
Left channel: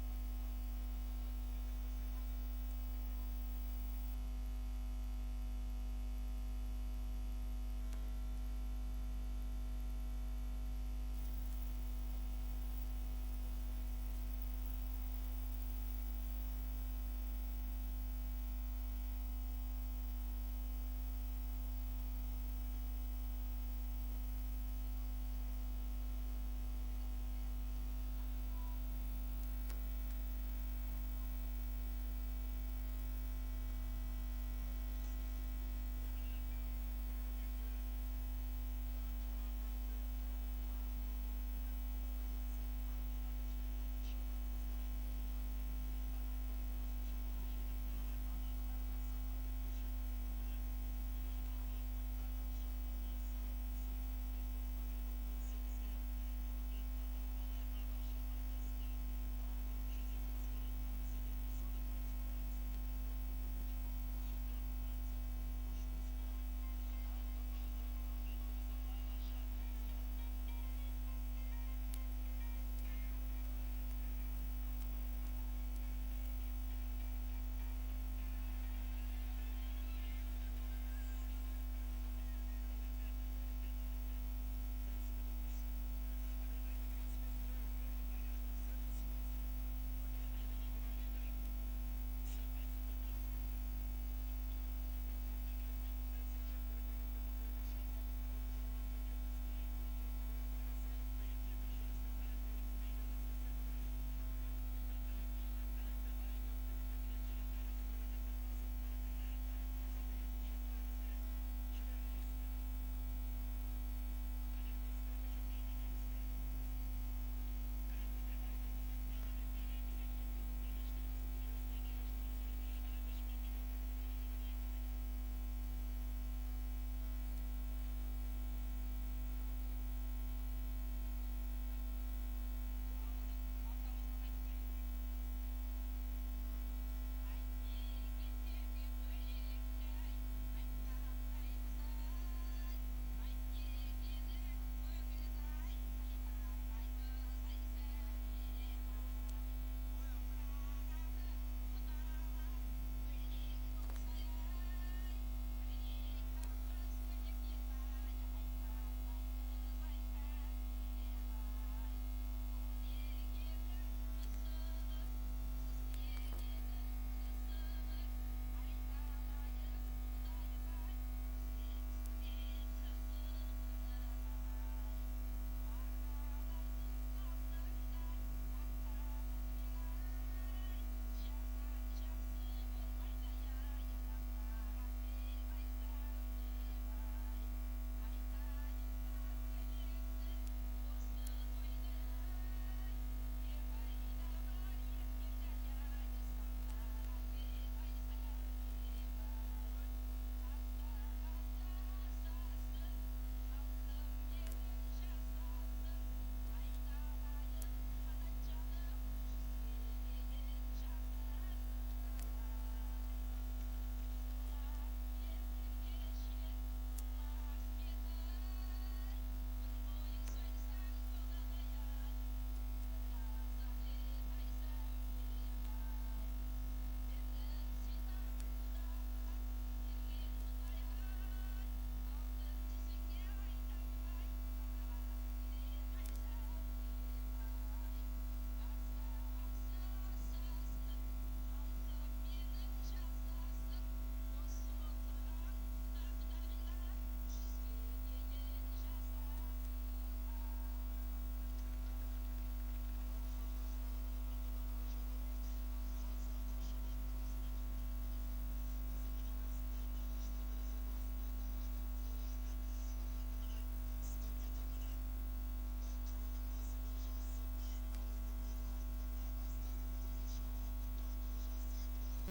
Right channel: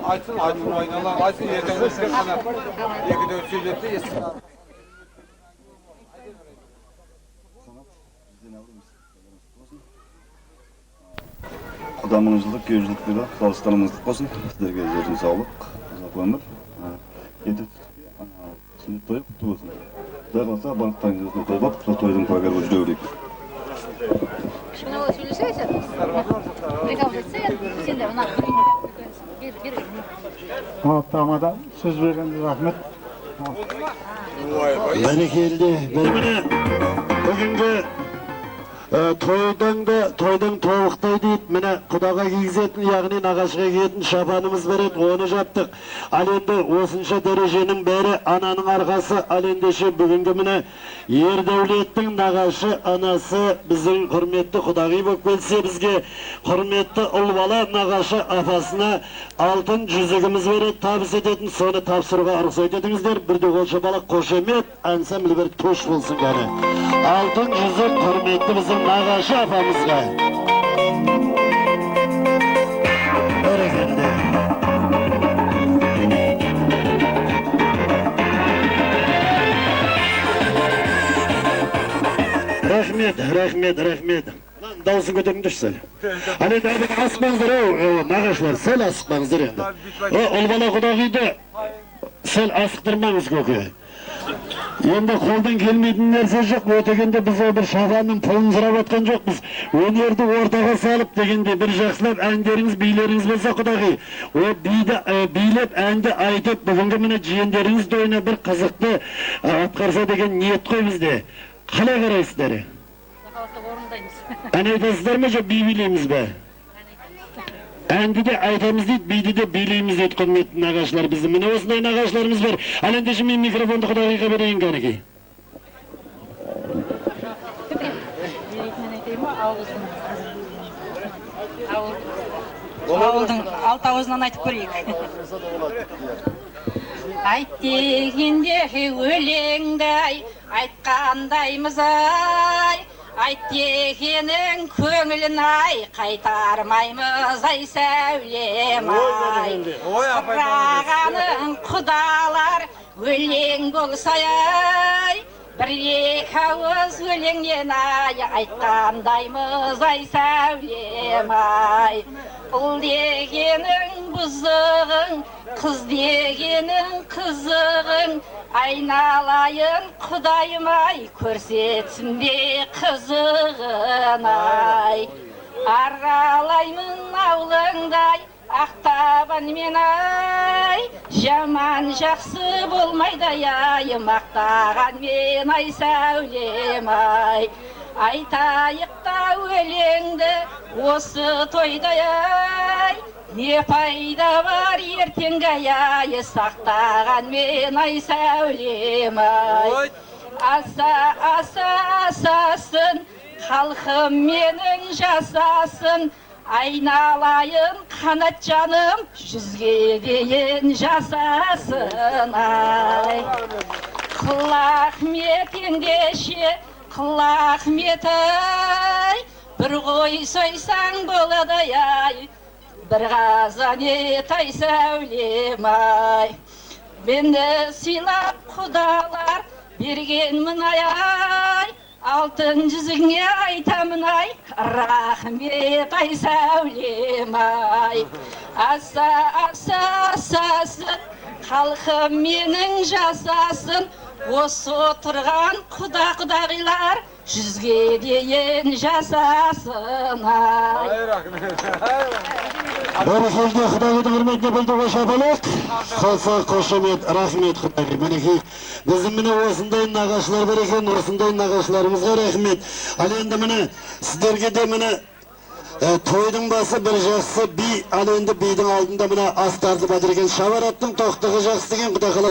Айтсын айналар, айтсын ертең өскен ғана екіде сөйлетті естіп. Құдамың жылдық, кей жылдық бері, Қазақстанымыздық болсын. Сіздерге жердің саулық, ұзақ өмір. Енді сүннет тойы құтты болсын. Құдай қаласа барлықтарыңыз өзіне той болып, сол тойдың куәгері болып жүре берейік. Шынауы сөйлесесің? Приказ етсе, сен де мына Tamada söz vergende rahmet. Berekeli, bugünkü Toydan tovuqtay deyip, mine kudağa giyizетін, яғни nağaşıға giyетін şapanımız verip, onu yaptık. Alende osınca derecenin beri ananın arkası, alendişi bugünkü mine yer devletin nağaşı anası bizim hürmetli kudağı bok belse bizge hürmetli ulvala nağaşı afasına altın cüzüğümüz verip tabis edetin, sonra tapsırığa arıqsa ededinizler, bir de olça balak koşemet, ansamil bir toş bulsun gani. Altın cüzük hürmetli bizim nağaşı afamızga. Öğrendi. Rahmet. Lan davısı götürün düşsel. Hani daha asmanızdır o nağaşlar, sel asıkmanızdır endi. O olbala kudağıydı, sel asıktırmanız kökü. Endi koldan kelmeydiğin nerse yok, ötekende biz o bir şafanın pulunu sırap atkan jokpuz. Önerdi ortaga salıp degende bir jakslap äňderiniz, biýleriniz bolsa kudagy. O biýlep äňde aýdyp bugünkü mine jiýenderiniz doýuna bir kızykly atkarsa degen niyet koy bizde. Kalay garaysızlar? Ana aýtasızlar mı, jo biýbilemiz be? Endi de aytamız deyip, biydi de bileyimiz deyip kıymetli nağaşlar bizim. Mine osunday nağaşlarımız var. Alende şimdi mikrofonda kudağıyla vereyim kaneki. Ауылдың алты ауызынан айтып көрейік. Айт дегенде өлеңдай, айтқандаймыз ай. Айт дегенің көңілін ай, қайтармаймыз ай сәулем ай. Сұрағаның құдалар өлең болса ай, бір-екі ауыз өлеңнен ай, айтқандаймыз ай сәулем ай. Ұл дегенің бұзығың, қыз дегенің қызығың, айналайын құдайым ай, көрсетсін бе қызығын ай. Аралаймын аулыңдай, ақтабан мен ай, жаман жақсы болмайды ай, мақтаған мен ай сәулем ай. Айтайық та өлеңді осы тойда ай, не пайда бар ертеңгі ай, сақтаған мен ай сәулем ай. Асасын, халқым менің жасасын, айналайын қанат жаным, жүзге дейін жасасын ай. Қылақмет ендеше, қылақмет ай, бір қой сойсаң болады ай, бір қазан ет ай сәулем ай. Мені сыйлап құдалар бергенмін ай, алтын жүзіңе айтамын ай, рахмет ай сәулем ай. Асасын, халқым менің жасасын, осы отырған құдағилар жүзге дейін жасасын ай. Бәрі сөзді құдағыды құрметіне білдігі шапалақ. Қалса қошемет, рахмет құдағи. Мінеки, біздің міне осындай нағашылар бар екен, осындай нағашыларымызға рахмет. Ал енді міне, сіздерге де міне тойдың басы бір жақсы би, ал енді бидің алдында міне астарды бадыр екен. Шавараттың тоқтығы жақсы деген құдағылар.